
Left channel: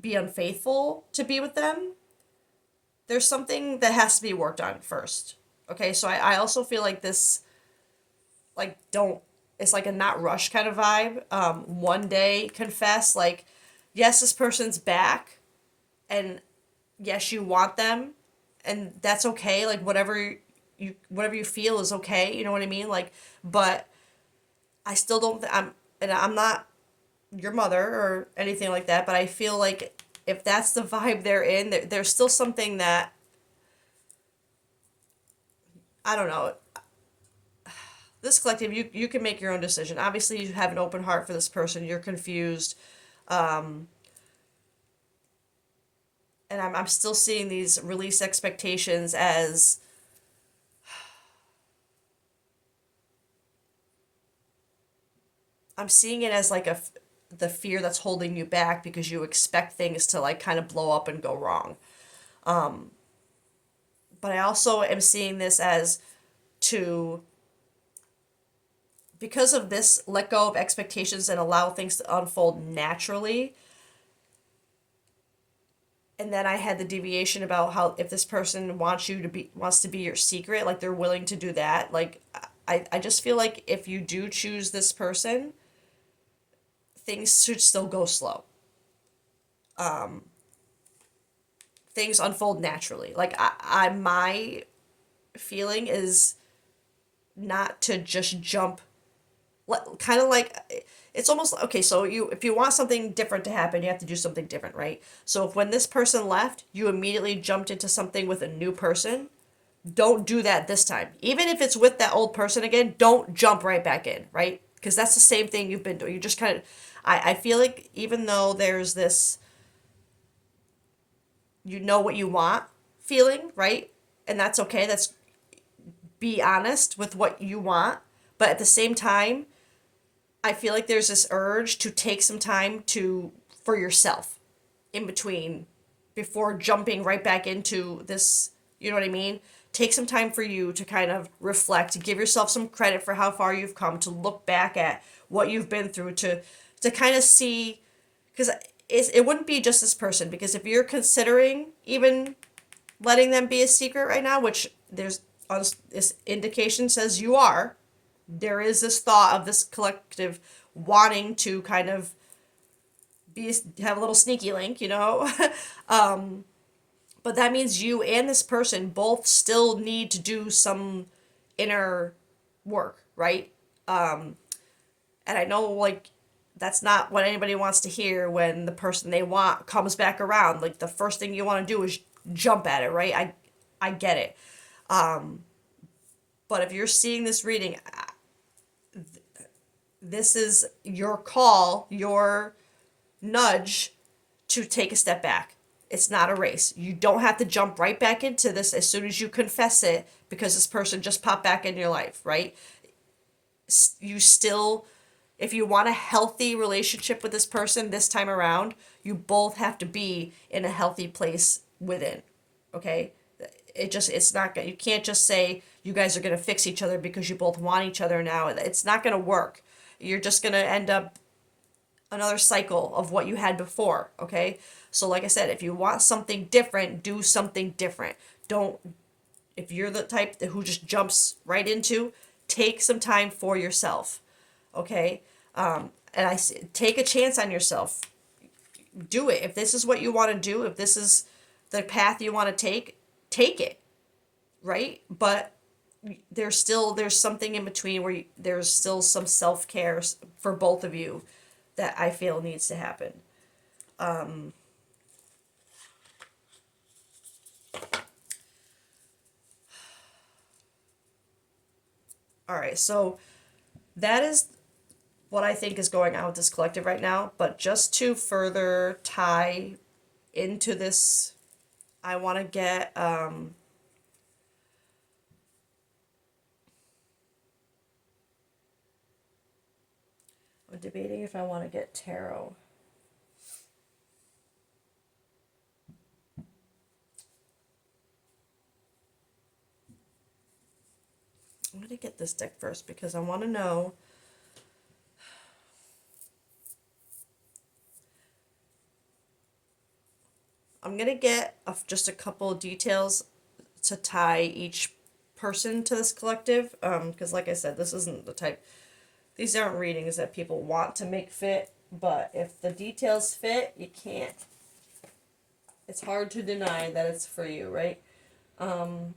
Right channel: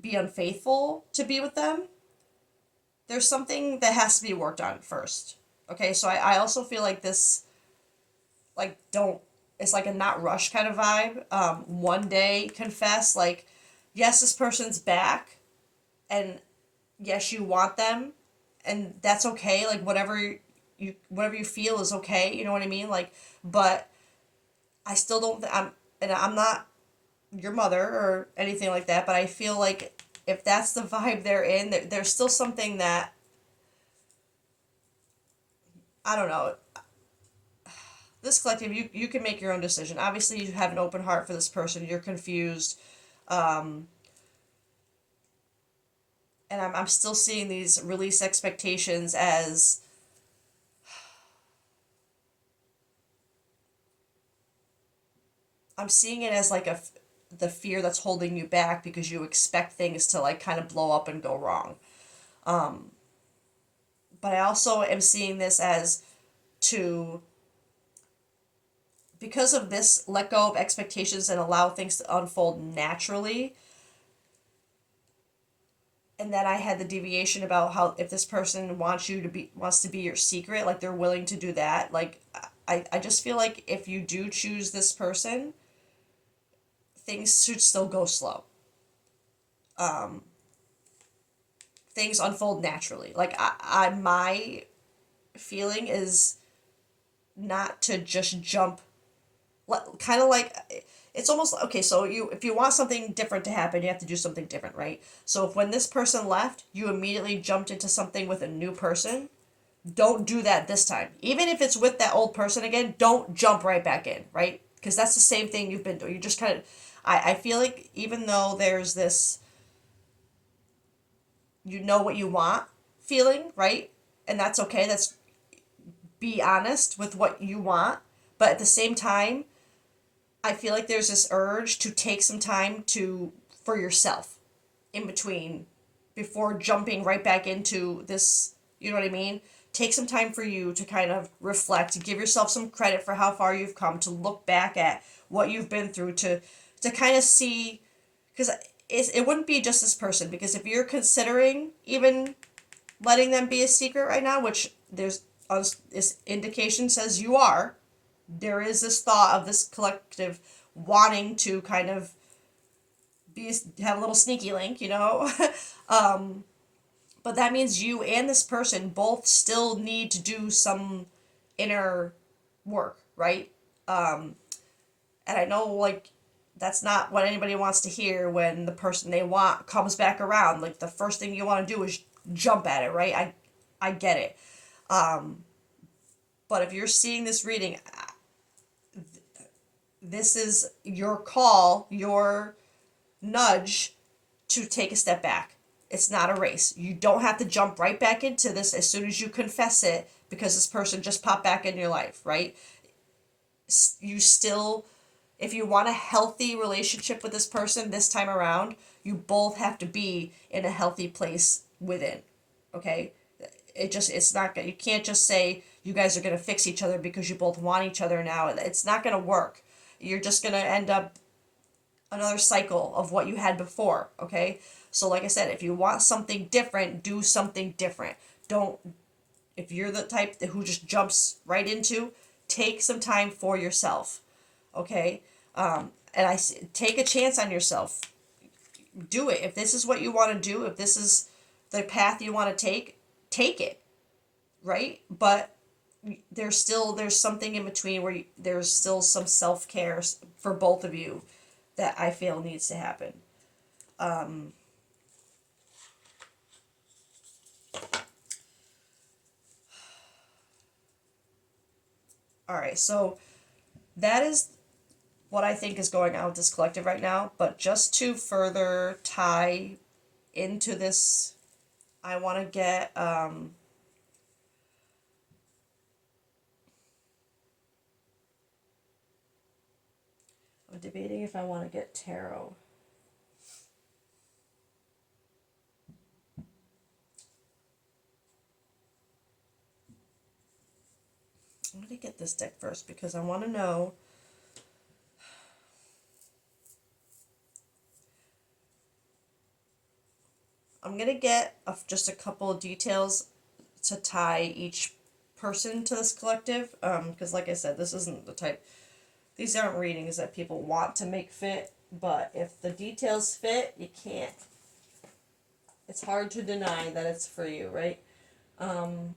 be unfaithful to be with them, there's something that has to be worked on first. Okay, so I also feel like this, like, don't, it's like a not rush kind of vibe. One day confess, like, yes, this person's back, and yes, you want them, and that's okay. Like, whatever you feel is okay. You know what I mean? Like, but I still don't, and I'm not your mother or anything like that, but I feel like if that's the vibe they're in, there's still something that, I don't know, this collective, you can make your own decision. Obviously you have an open heart for this person, you're confused, um, and I'm still seeing these release expectations as, I'm seeing it as like the fear that's holding you back because you expect things to like kind of blow up and go wrong. um, but I also am seeing this as to, because of this, let go of expectations and allow things to unfold naturally. And then I had the deviation about how if this person wants to be your secret, like they're willing to do that. Like I just feel like if you do choose this person, things should still go slow. Um, things unfold naturally. Like my feeling is not to just jump, kind of like, it's almost okay. So you, if you want something different to happen, you have to do something different, right? So if when this person left, you immediately jumped into something with a new person, don't do that this time. Even if it's with that old person again, don't jump right back in, right? Because that's the same thing you've been doing. You just kind of, I feel like even though there's this, you know what you want feeling, right? And that's okay. That's, be honest with what you want. But at the same time, I feel like there's this urge to take some time to, for yourself in between, before jumping right back into this, you know what I mean? Take some time for you to kind of reflect, give yourself some credit for how far you've come, to look back at what you've been through, to kind of see, because it wouldn't be just this person, because if you're considering even letting them be a secret right now, which there's, this indication says you are, there is this thought of this collective wanting to kind of be, have a little sneaky link, you know. um, but that means you and this person both still need to do some inner work, right? And I know, like, that's not what anybody wants to hear when the person they want comes back around. Like, the first thing you want to do is jump at it, right? I get it. But if you're seeing this reading, this is your call, your nudge to take a step back. It's not a race. You don't have to jump right back into this as soon as you confess it because this person just popped back in your life, right? You still, if you want a healthy relationship with this person this time around, you both have to be in a healthy place within. Okay? It's not good. You can't just say you guys are going to fix each other because you both want each other now. It's not going to work. You're just going to end up another cycle of what you had before, okay? So like I said, if you want something different, do something different. Don't, if you're the type who just jumps right into, take some time for yourself, okay? And take a chance on yourself. Do it. If this is what you want to do, if this is the path you want to take it, right? But there's something in between where there's still some self-care for both of you that I feel needs to happen. All right, so that is what I think is going on with this collective right now. But just to further tie into this, I want to get I'm debating if I want to get tarot. I'm going to get this deck first because I want to know. I'm going to get just a couple of details to tie each person to this collective. Because, like I said, this isn't the type. These aren't readings that people want to make fit. But if the details fit, you can't. It's hard to deny that it's for you, right? And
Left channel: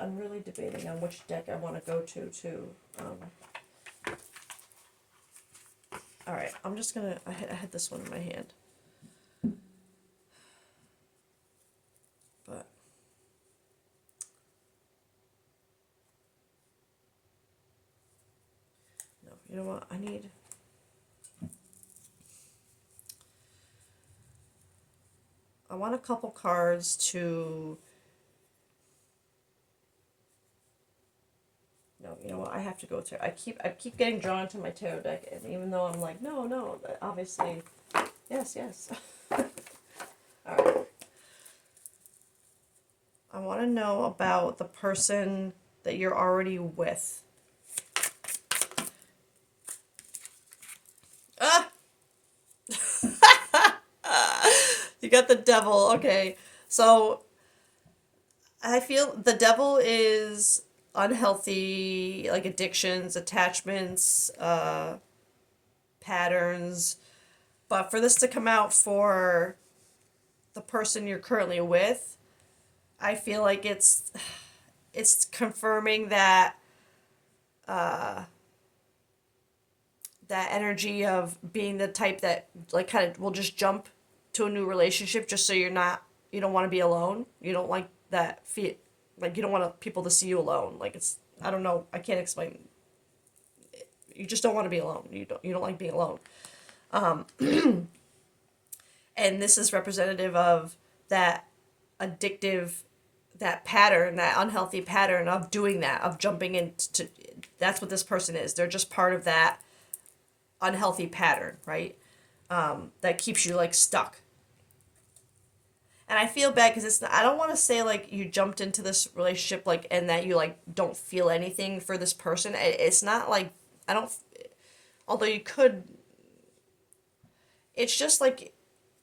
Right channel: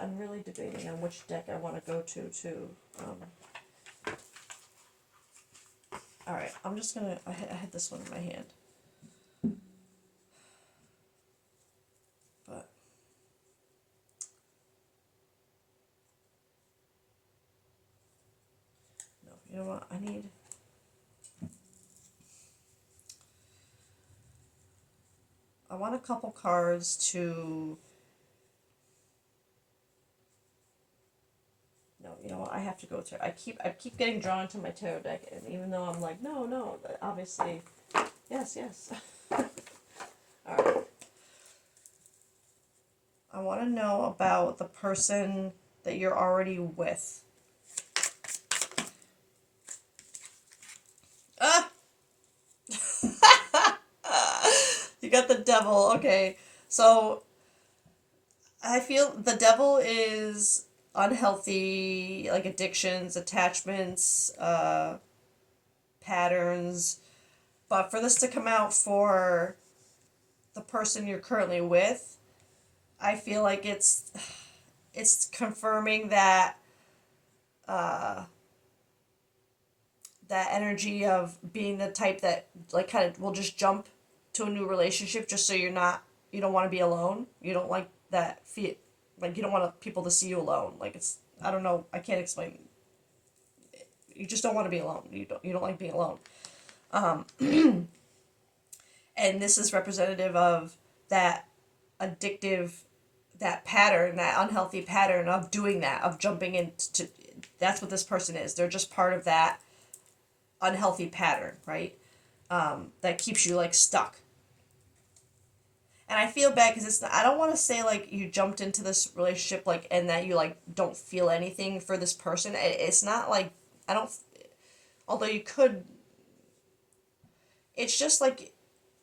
I'm really debating on which deck I want to go to, too. All right, I'm just gonna. I had this one in my hand, but no. You know what? I want a couple cards to. No, you know what? I have to go to. I keep getting drawn to my tarot deck, and even though I'm like, no, obviously, yes. All right. I want to know about the person that you're already with. Ah! You got the devil. Okay. So I feel the devil is unhealthy, like addictions, attachments, patterns. But for this to come out for the person you're currently with, I feel like it's confirming that that energy of being the type that like kind of will just jump to a new relationship just so you don't want to be alone. You don't like that feel like you don't want people to see you alone. Like it's I don't know, I can't explain. You just don't want to be alone. You don't like being alone. And this is representative of that addictive that pattern, that unhealthy pattern of doing that, of jumping into that's what this person is. They're just part of that unhealthy pattern, right? That keeps you like stuck. And I feel bad because I don't want to say like you jumped into this relationship like and that you like don't feel anything for this person. It's not like I don't although you could it's just like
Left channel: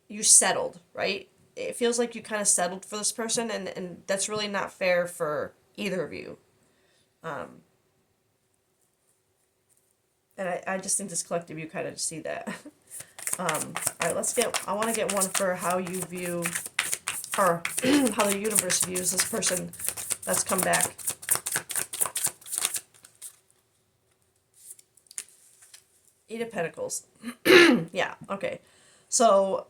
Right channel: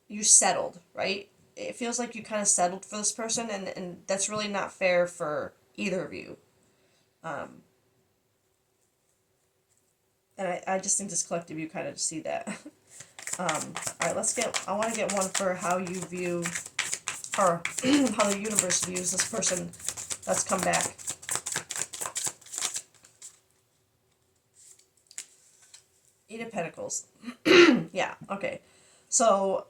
you settled, right? It feels like you kind of settled for this person and that's really not fair for either of you. And I just think this collective you kind of see that. All right, I want to get one for how you view, or how the universe views this person that's come back. Eight of Pentacles. Yeah, okay. So,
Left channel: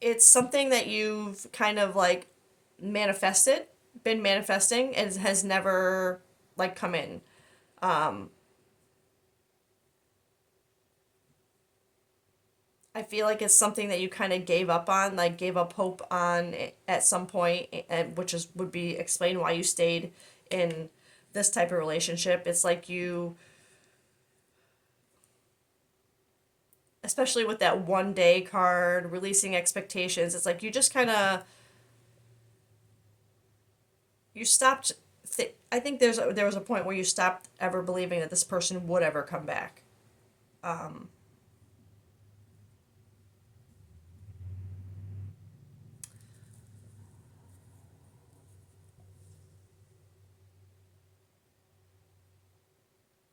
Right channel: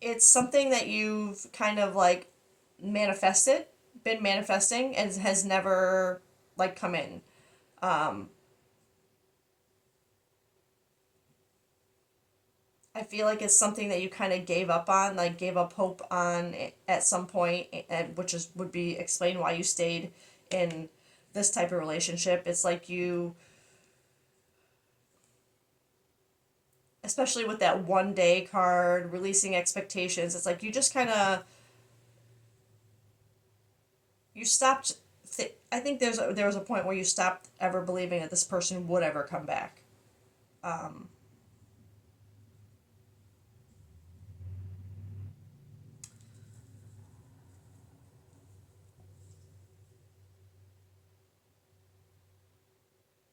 it's something that you've kind of like manifested, been manifesting, and has never like come in. I feel like it's something that you kind of gave up on, like gave up hope on at some point, and which is would be explain why you stayed in this type of relationship. It's like you, especially with that 1 day card, releasing expectations. It's like you just kind of you stopped. I think there was a point where you stopped ever believing that this person would ever come back. Um,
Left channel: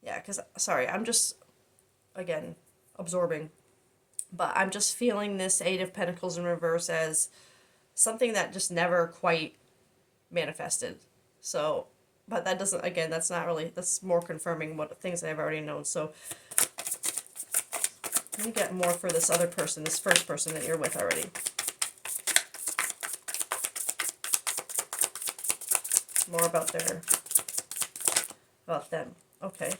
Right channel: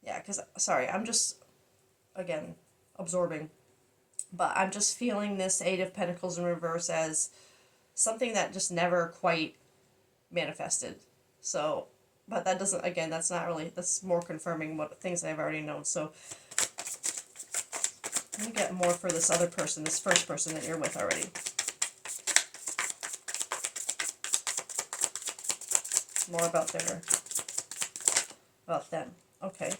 yeah, because sorry, I'm just again absorbing. But I'm just feeling this Eight of Pentacles in reverse as something that just never quite manifested. So But that doesn't, again, that's not really, that's more confirming what things I've already known. So let me get more for this other person, this first person that you're with already. More about them. Okay.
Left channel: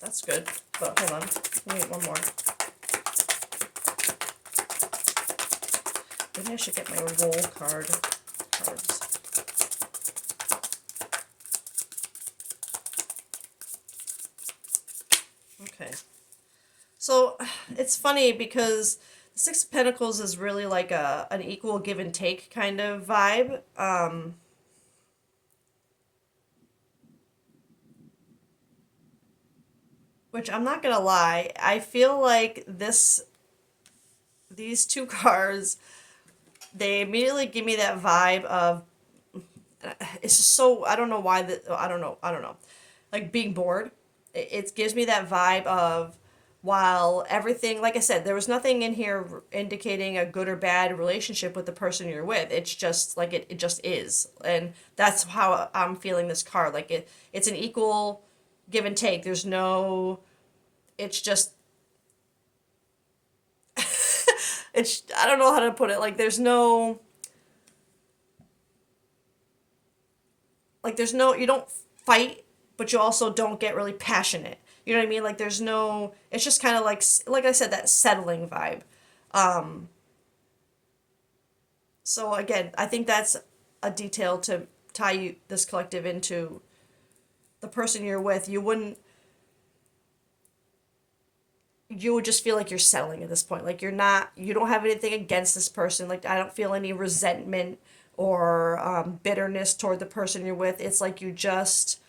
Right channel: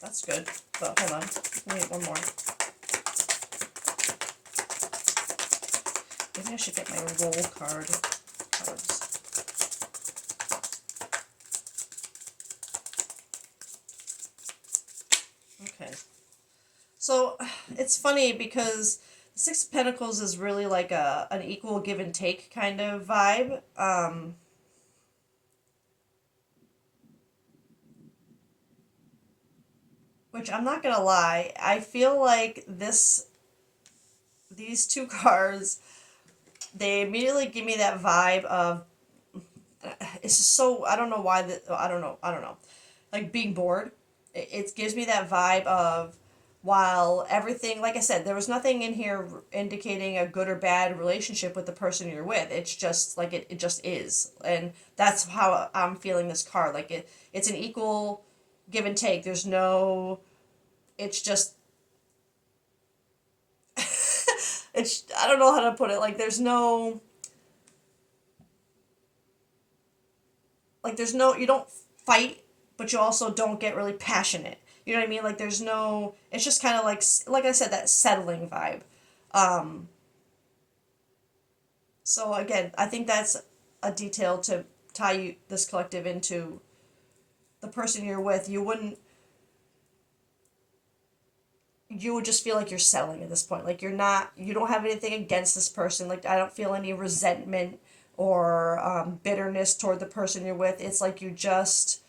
That's good. But hold on. Wait, one more. Maybe I should get my roll cards. Okay. So it's funny because the Six of Pentacles is really like an equal give and take kind of vibe. Which I'm not gonna lie, I feel like these two cards, they immediately give me that vibe of, it's just so, I don't know why that, I don't know, like being bored. It gives me that vibe of, while everything, like I said, there was nothing in here indicating a good or bad relationship with the person you're with. It's just like it just is. And that's how I'm feeling this card. Like it's an equal give and take. There's no, it's just, it's, I don't know how to put it. Like there's no, you don't fight, but you also don't get really passionate. You know what I mean? Like there's no, it's just kind of like I said, that settling vibe. Um, so again, I think that's a detail to tie this collective into the person you're with. You would just feel like you're settling at this point. Like you don't have anything against this person. Like I don't feel any resentment or bitterness toward the person you're with. It's like you just,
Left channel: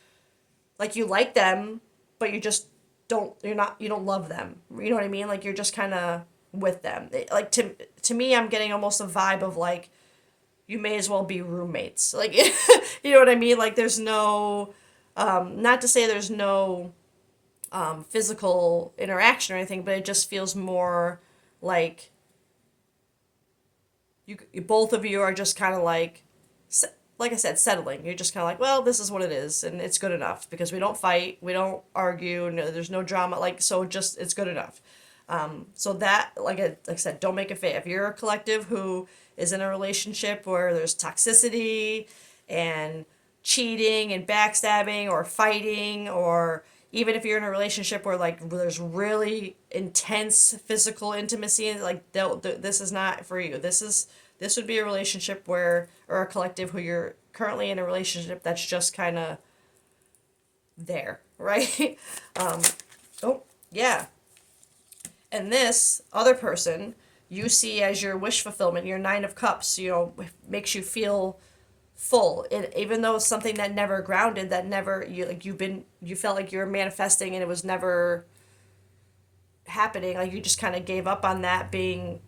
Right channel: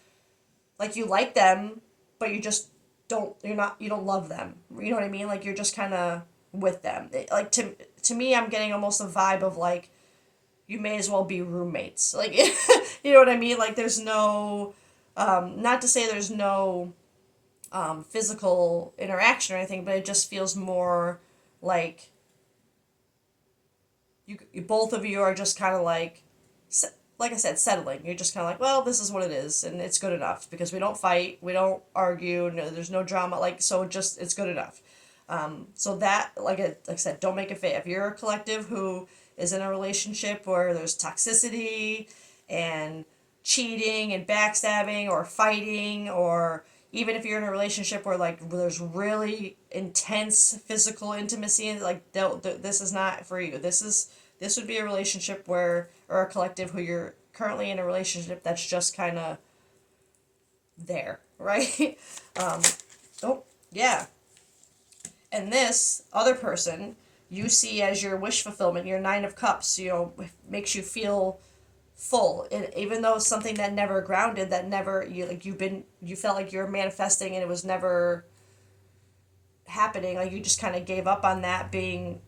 like you like them, but you just you don't love them. You know what I mean? Like you're just kind of with them. Like to me, I'm getting almost a vibe of like you may as well be roommates. Like you know what I mean? Like there's no, not to say there's no physical interaction or anything, but it just feels more like both of you are just kind of like I said, settling. You're just kind of like, well, this is what it is, and it's good enough because we don't fight, we don't argue, no, there's no drama. Like so, just it's good enough. So that, like I said, don't make it fit. If you're a collective who is in a relationship where there's toxicity and cheating and backstabbing or fighting, or even if you're in a relationship where like there's really intense physical intimacy, like this is not for you. This would be a relationship where, or a collective who you're currently in a relationship that's just kind of there, right? um, oh yeah. And this other person you see as your wish fulfillment, your Nine of Cups, makes you feel full. Even though it's something that never grounded, that never, you felt like you were manifesting and it was never happening. Like you just kind of gave up on that being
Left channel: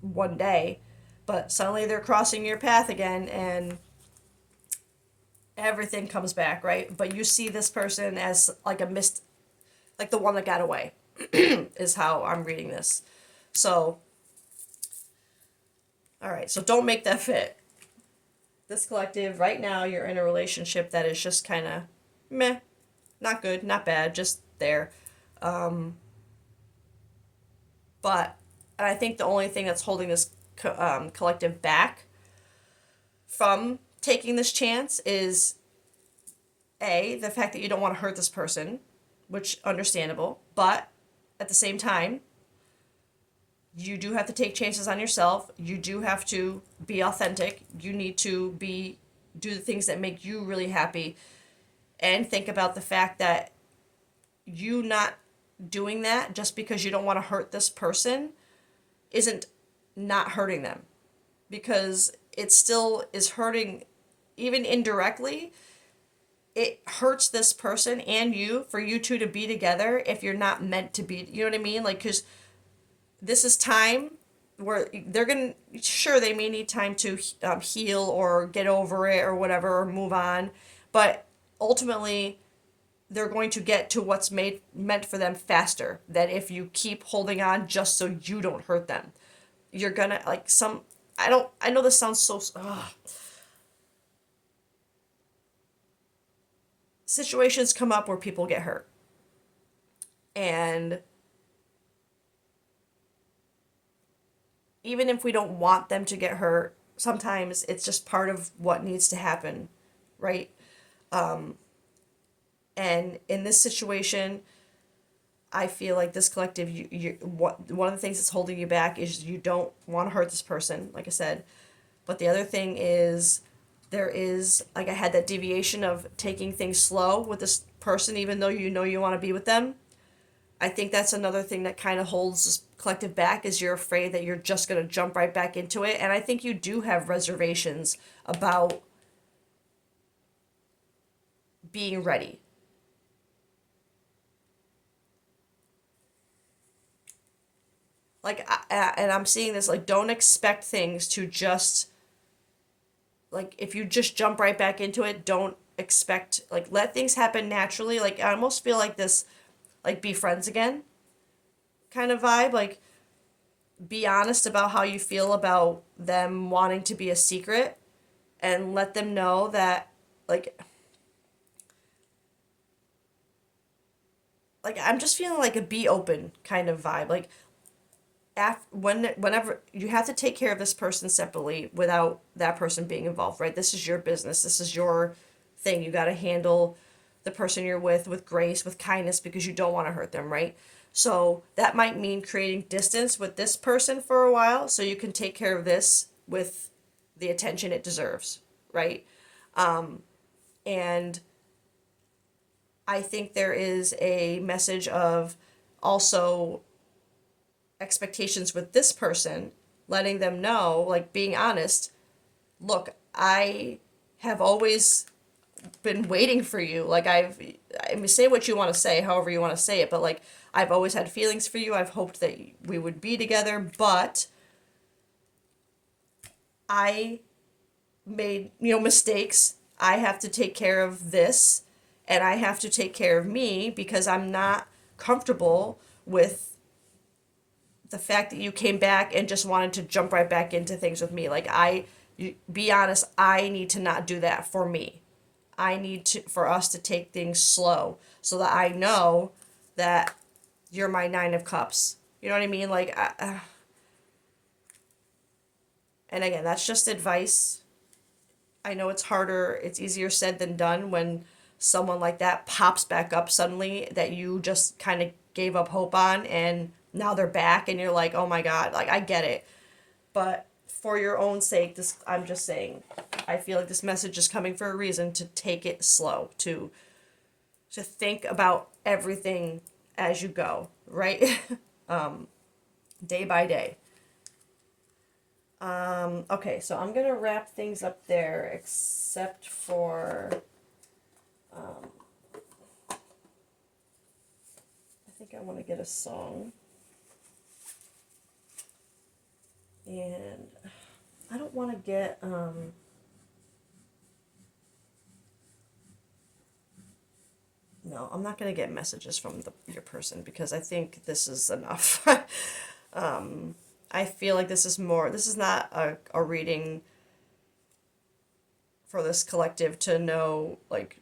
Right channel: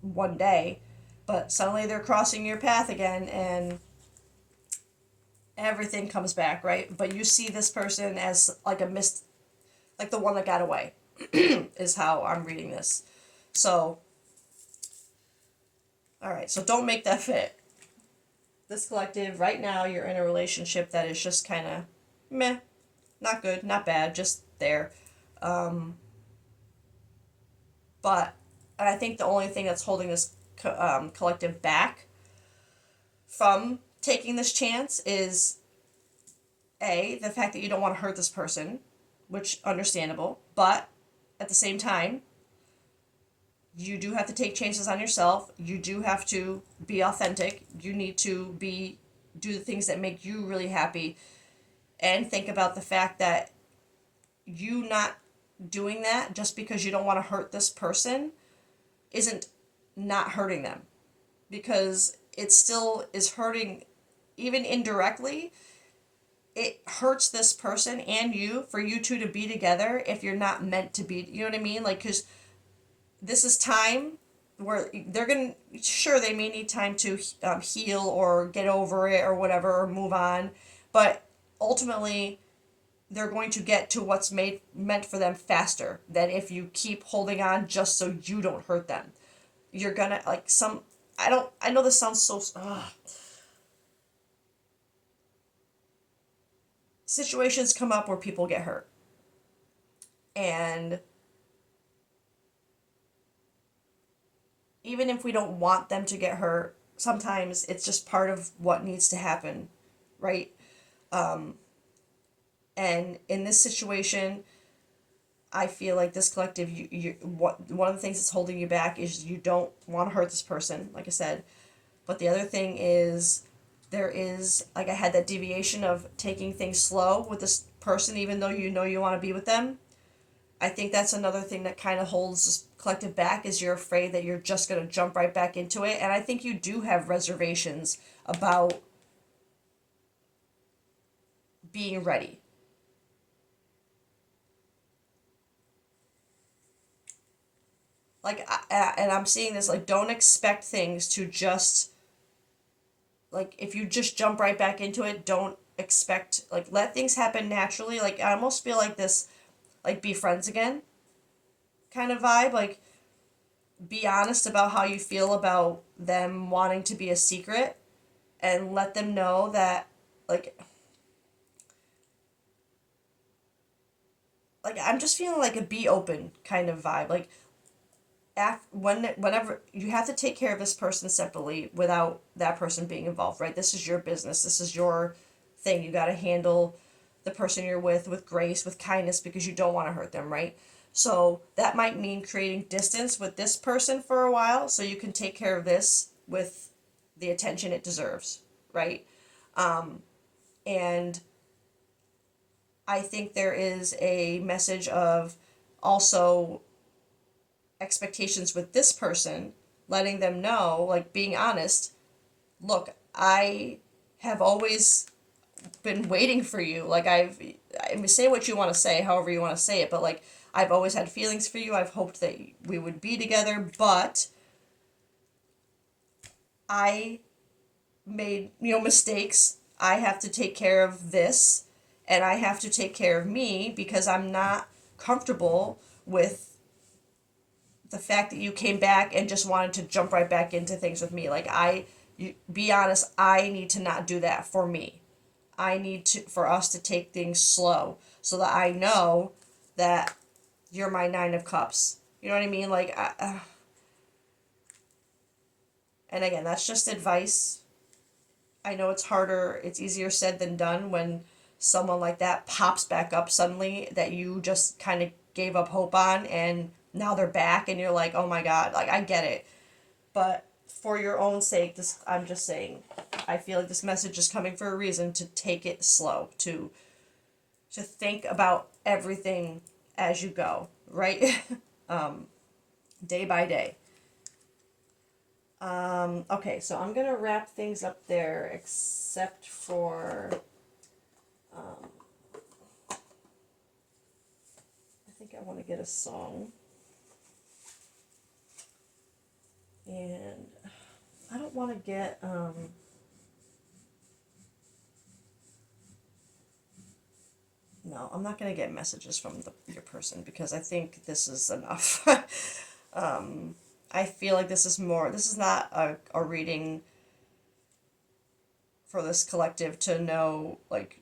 one day, but suddenly they're crossing your path again and everything comes back, right? But you see this person as like a missed, like the one that got away, is how I'm reading this. So, all right, so don't make that fit. This collective, right now, you're in a relationship that is just kind of meh, not good, not bad, just there. Um, but I think the only thing that's holding this collective back from taking this chance is the fact that you don't want to hurt this person, which understandable, but at the same time, you do have to take chances on yourself. You do have to be authentic. You need to do the things that make you really happy, and think about the fact that you not doing that just because you don't want to hurt this person isn't not hurting them, because it still is hurting, even indirectly. It hurts this person and you for you two to be together if you're not meant to be. You know what I mean? Like, because this is time where they're gonna, sure, they may need time to heal or get over it or whatever, or move on, but ultimately they're going to get to what's meant for them faster than if you keep holding on just so you don't hurt them. You're gonna, like, I know this sounds so, situations come up where people get hurt. And even if we don't want them to get hurt, sometimes it's just part of what needs to happen, right? Um, and in this situation, I feel like this collective, one of the things that's holding you back is you don't want to hurt this person, like I said. But the other thing is, there is, like, I had that deviation of taking things slow with this person, even though you know you want to be with them. I think that's another thing that kind of holds this collective back, is you're afraid that you're just going to jump right back into it. And I think you do have reservations about being ready. Like, and I'm seeing this, like, don't expect things to just, like, if you just jump right back into it, don't expect, like, let things happen naturally. Like, I almost feel like this, like, be friends again kind of vibe. Like, be honest about how you feel about them wanting to be a secret, and let them know that, like, I'm just feeling like a be open kind of vibe. Like, whenever you have to take care of this person separately without that person being involved, right? This is your business. This is your thing. You got to handle the person you're with grace, with kindness, because you don't want to hurt them, right? So that might mean creating distance with this person for a while so you can take care of this with the attention it deserves, right? And I think there is a message of also expectations with this person, letting them know, like, being honest. Look, I have always been waiting for you. Like, I mean, say what you want to say, however you want to say it, but, like, I've always had feelings for you. I've hoped that we would be together, but I made, mistakes. I have to take care of this, and I have to take care of me, because I'm not comfortable with the fact that you came back and just wanted to jump right back into things with me. Like, be honest, I need to not do that for me. I need to for us to take things slow so that I know that you're my 9 of cups. You know what I mean? Like, and again, that's just advice. I know it's harder, it's easier said than done when someone like that pops back up suddenly that you just kind of gave up hope on, and now they're back and you're like, "Oh my God." Like, I get it. But for your own sake, this I'm just saying, I feel like this message is coming for a reason, to take it slow, to think about everything as you go, right? Day by day. Okay, so I'm gonna wrap things up there, except for, I think I want to get a song, and I don't want to get, no, I'm not gonna get messages from your person, because I think this is enough. I feel like this is more, this is not a reading for this collective to know, like,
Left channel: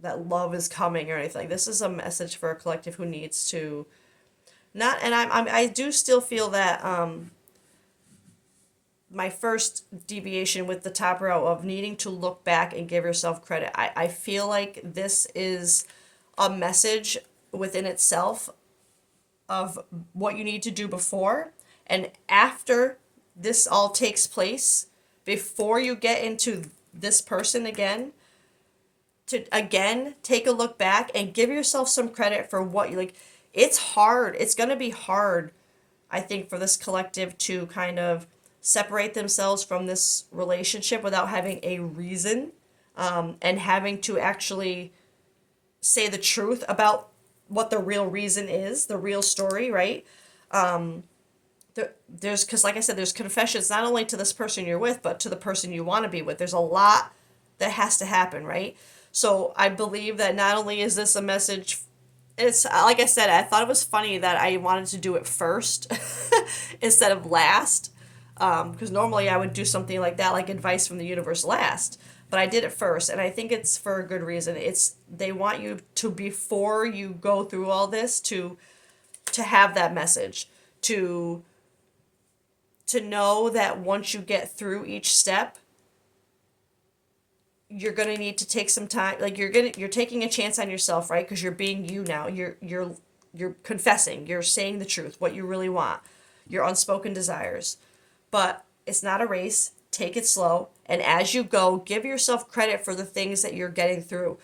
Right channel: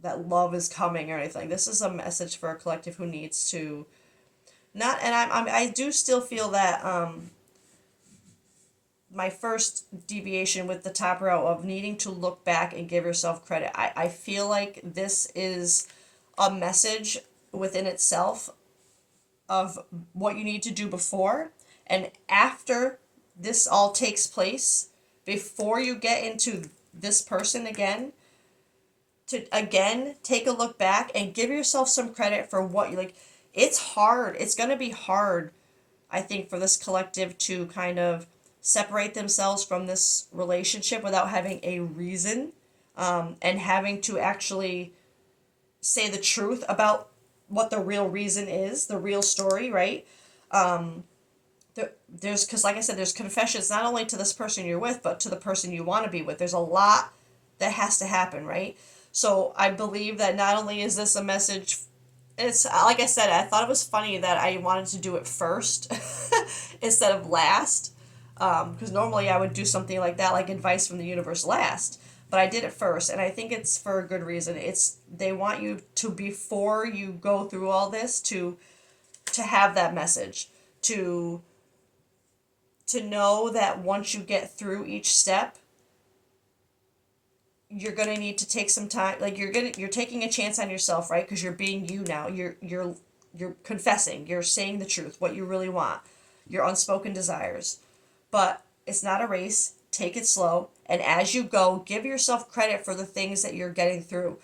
that love is coming or anything. This is a message for a collective who needs to not, and I do still feel that, my first deviation with the top row of needing to look back and give yourself credit. I feel like this is a message within itself of what you need to do before and after this all takes place, before you get into this person again, to again take a look back and give yourself some credit for what you like. It's hard. It's going to be hard, I think, for this collective to kind of separate themselves from this relationship without having a reason, and having to actually say the truth about what the real reason is, the real story, right? There's, because like I said, there's confessions not only to this person you're with, but to the person you want to be with. There's a lot that has to happen, right? So I believe that not only is this a message, it's like I said, I thought it was funny that I wanted to do it first instead of last. Because normally I would do something like that, like advice from the universe last. But I did it first, and I think it's for a good reason. It's they want you to, before you go through all this, to have that message, to know that once you get through each step, you're gonna need to take some time. Like you're taking a chance on yourself, right? Because you're being you now. You're confessing. You're saying the truth, what you really want, your unspoken desires. But it's not a race. Take it slow, and as you go, give yourself credit for the things that you're getting through.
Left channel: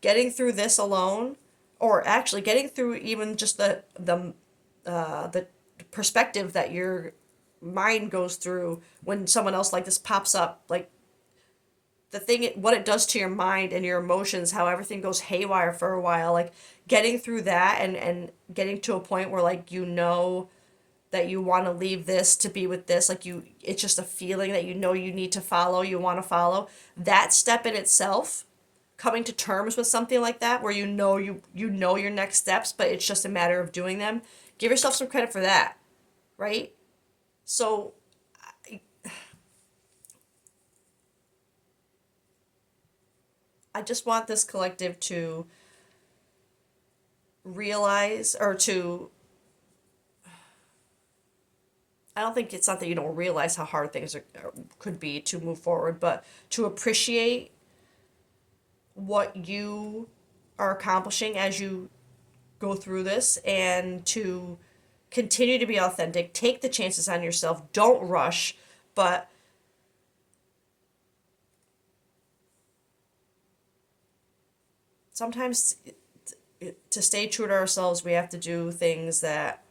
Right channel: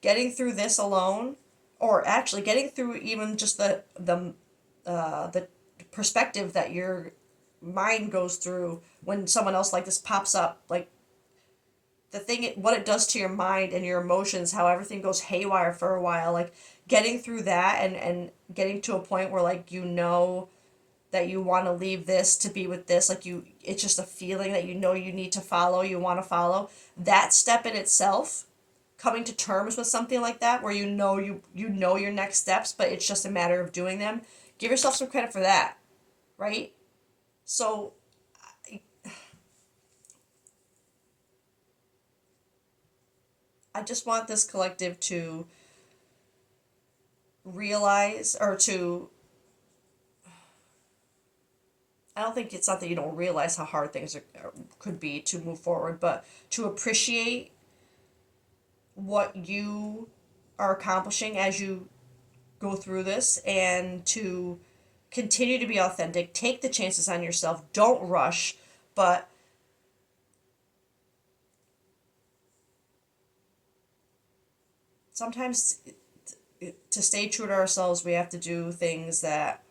Getting through this alone, or actually getting through even just the perspective that your mind goes through when someone else like this pops up, like the thing, what it does to your mind and your emotions, how everything goes haywire for a while, like getting through that, and getting to a point where, like, that you want to leave this to be with this, like it's just a feeling that you need to follow, you want to follow that step in itself. Coming to terms with something like that, where you know your next steps, but it's just a matter of doing them. Give yourself some credit for that, right? So I just want this collective to realize, or to, I don't think it's not that you don't realize how hard things could be to move forward, but to appreciate what you are accomplishing as you go through this, and to continue to be authentic. Take the chances on yourself. Don't rush, but sometimes to stay true to ourselves, we have to do things that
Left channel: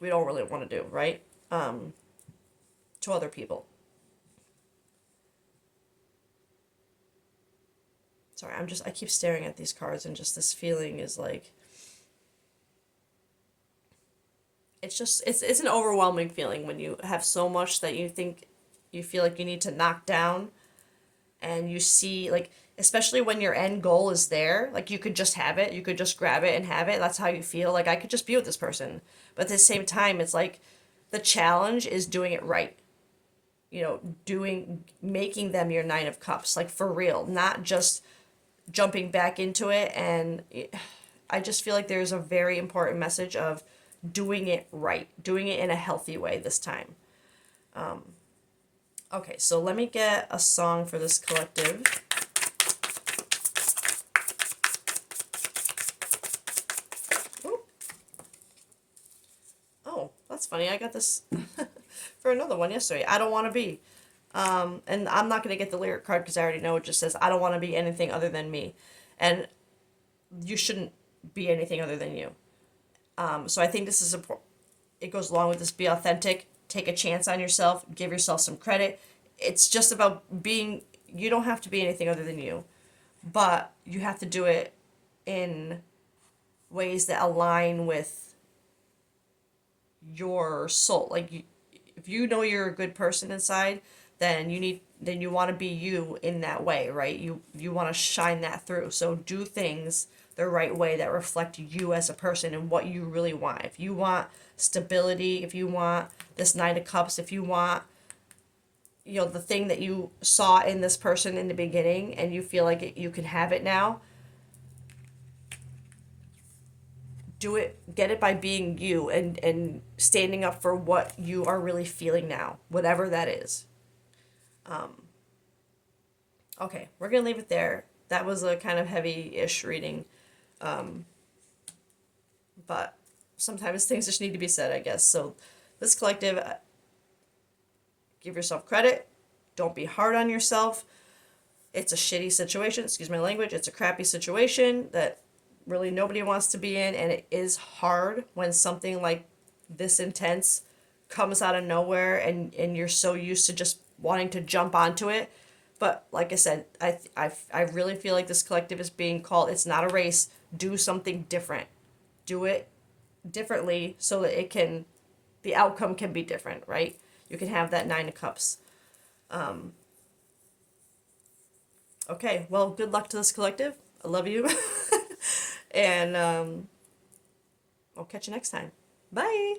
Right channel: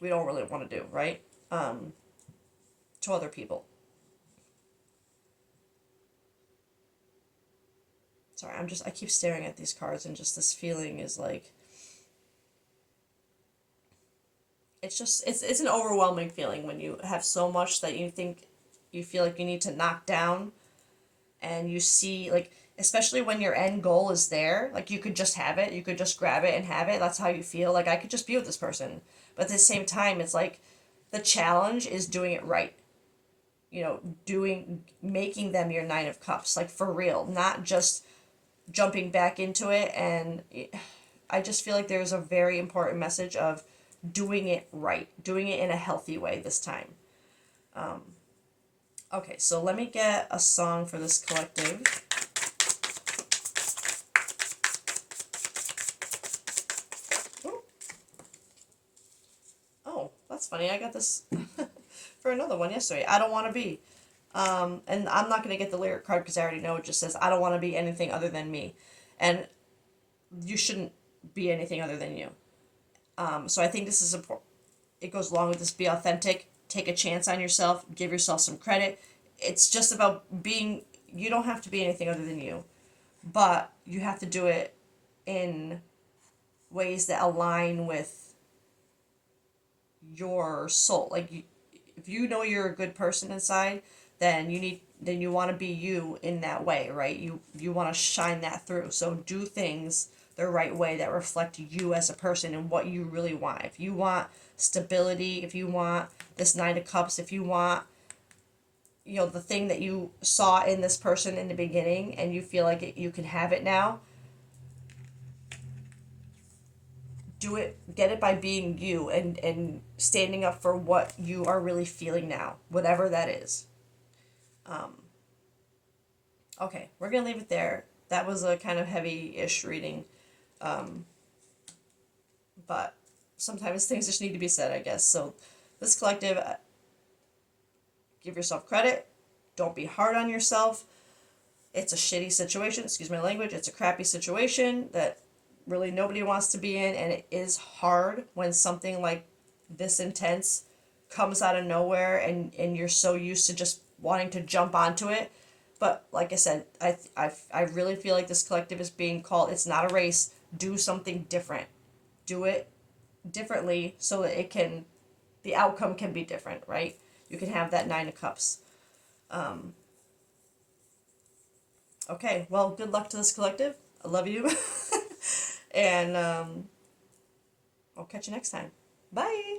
we don't really want to do, right? To other people. Sorry, I keep staring at these cards, and just this feeling is like, it's an overwhelming feeling when you have so much that you feel like you need to knock down, and you see, like, especially when your end goal is there, like you could just have it, you could just grab it and have it. That's how you feel. Like, I could just be with this person. But at the same time, it's like the challenge is doing it right. Making them your Nine of Cups, like, for real, not just jumping back into it. And I just feel like there's a very important message of doing it right, doing it in a healthy way this time. Okay, so let me get a song for this collective. Ooh. Oh, that's funny. I got this for another one yesterday. I don't want to be. And I'm not going to get the lyric card because I already know it just says, I don't want to be anything other than me. And you shouldn't be anything other than you. So I think this is important. It goes along with this: be authentic, take a chance on yourself, give yourself some credit. It's just about being, you don't have to be anything other than you, but you have to do it in ways that align with your soul. Like, if you know you're a good person inside, then you want to be you in that way, right? You want to shine that through. So do things the right way that reflect you as a person and what you really want. If you want stability, if you want this Nine of Cups, if you want, the thing that you saw in this person in the beginning, and you feel like you can have it now, do it, get it by being you, and standing up for what you are really feeling now, whatever that is. Okay, we're gonna leave it there. That was a kind of heavy-ish reading, but sometimes things just need to be said, I guess. So this collective, give yourself credit. Don't be hard on yourself. It's a shitty situation, excuse my language. It's a crappy situation that really nobody wants to be in, and it is hard when something like this intense comes out of nowhere, and you're so used to just wanting to jump onto it. But like I said, I really feel like this collective is being called, it's not a race. Do something different. Do it differently so that the outcome can be different, right? You can have that Nine of Cups. Okay, well, good luck to this collective. I love you. And I'll catch you next time. Bye.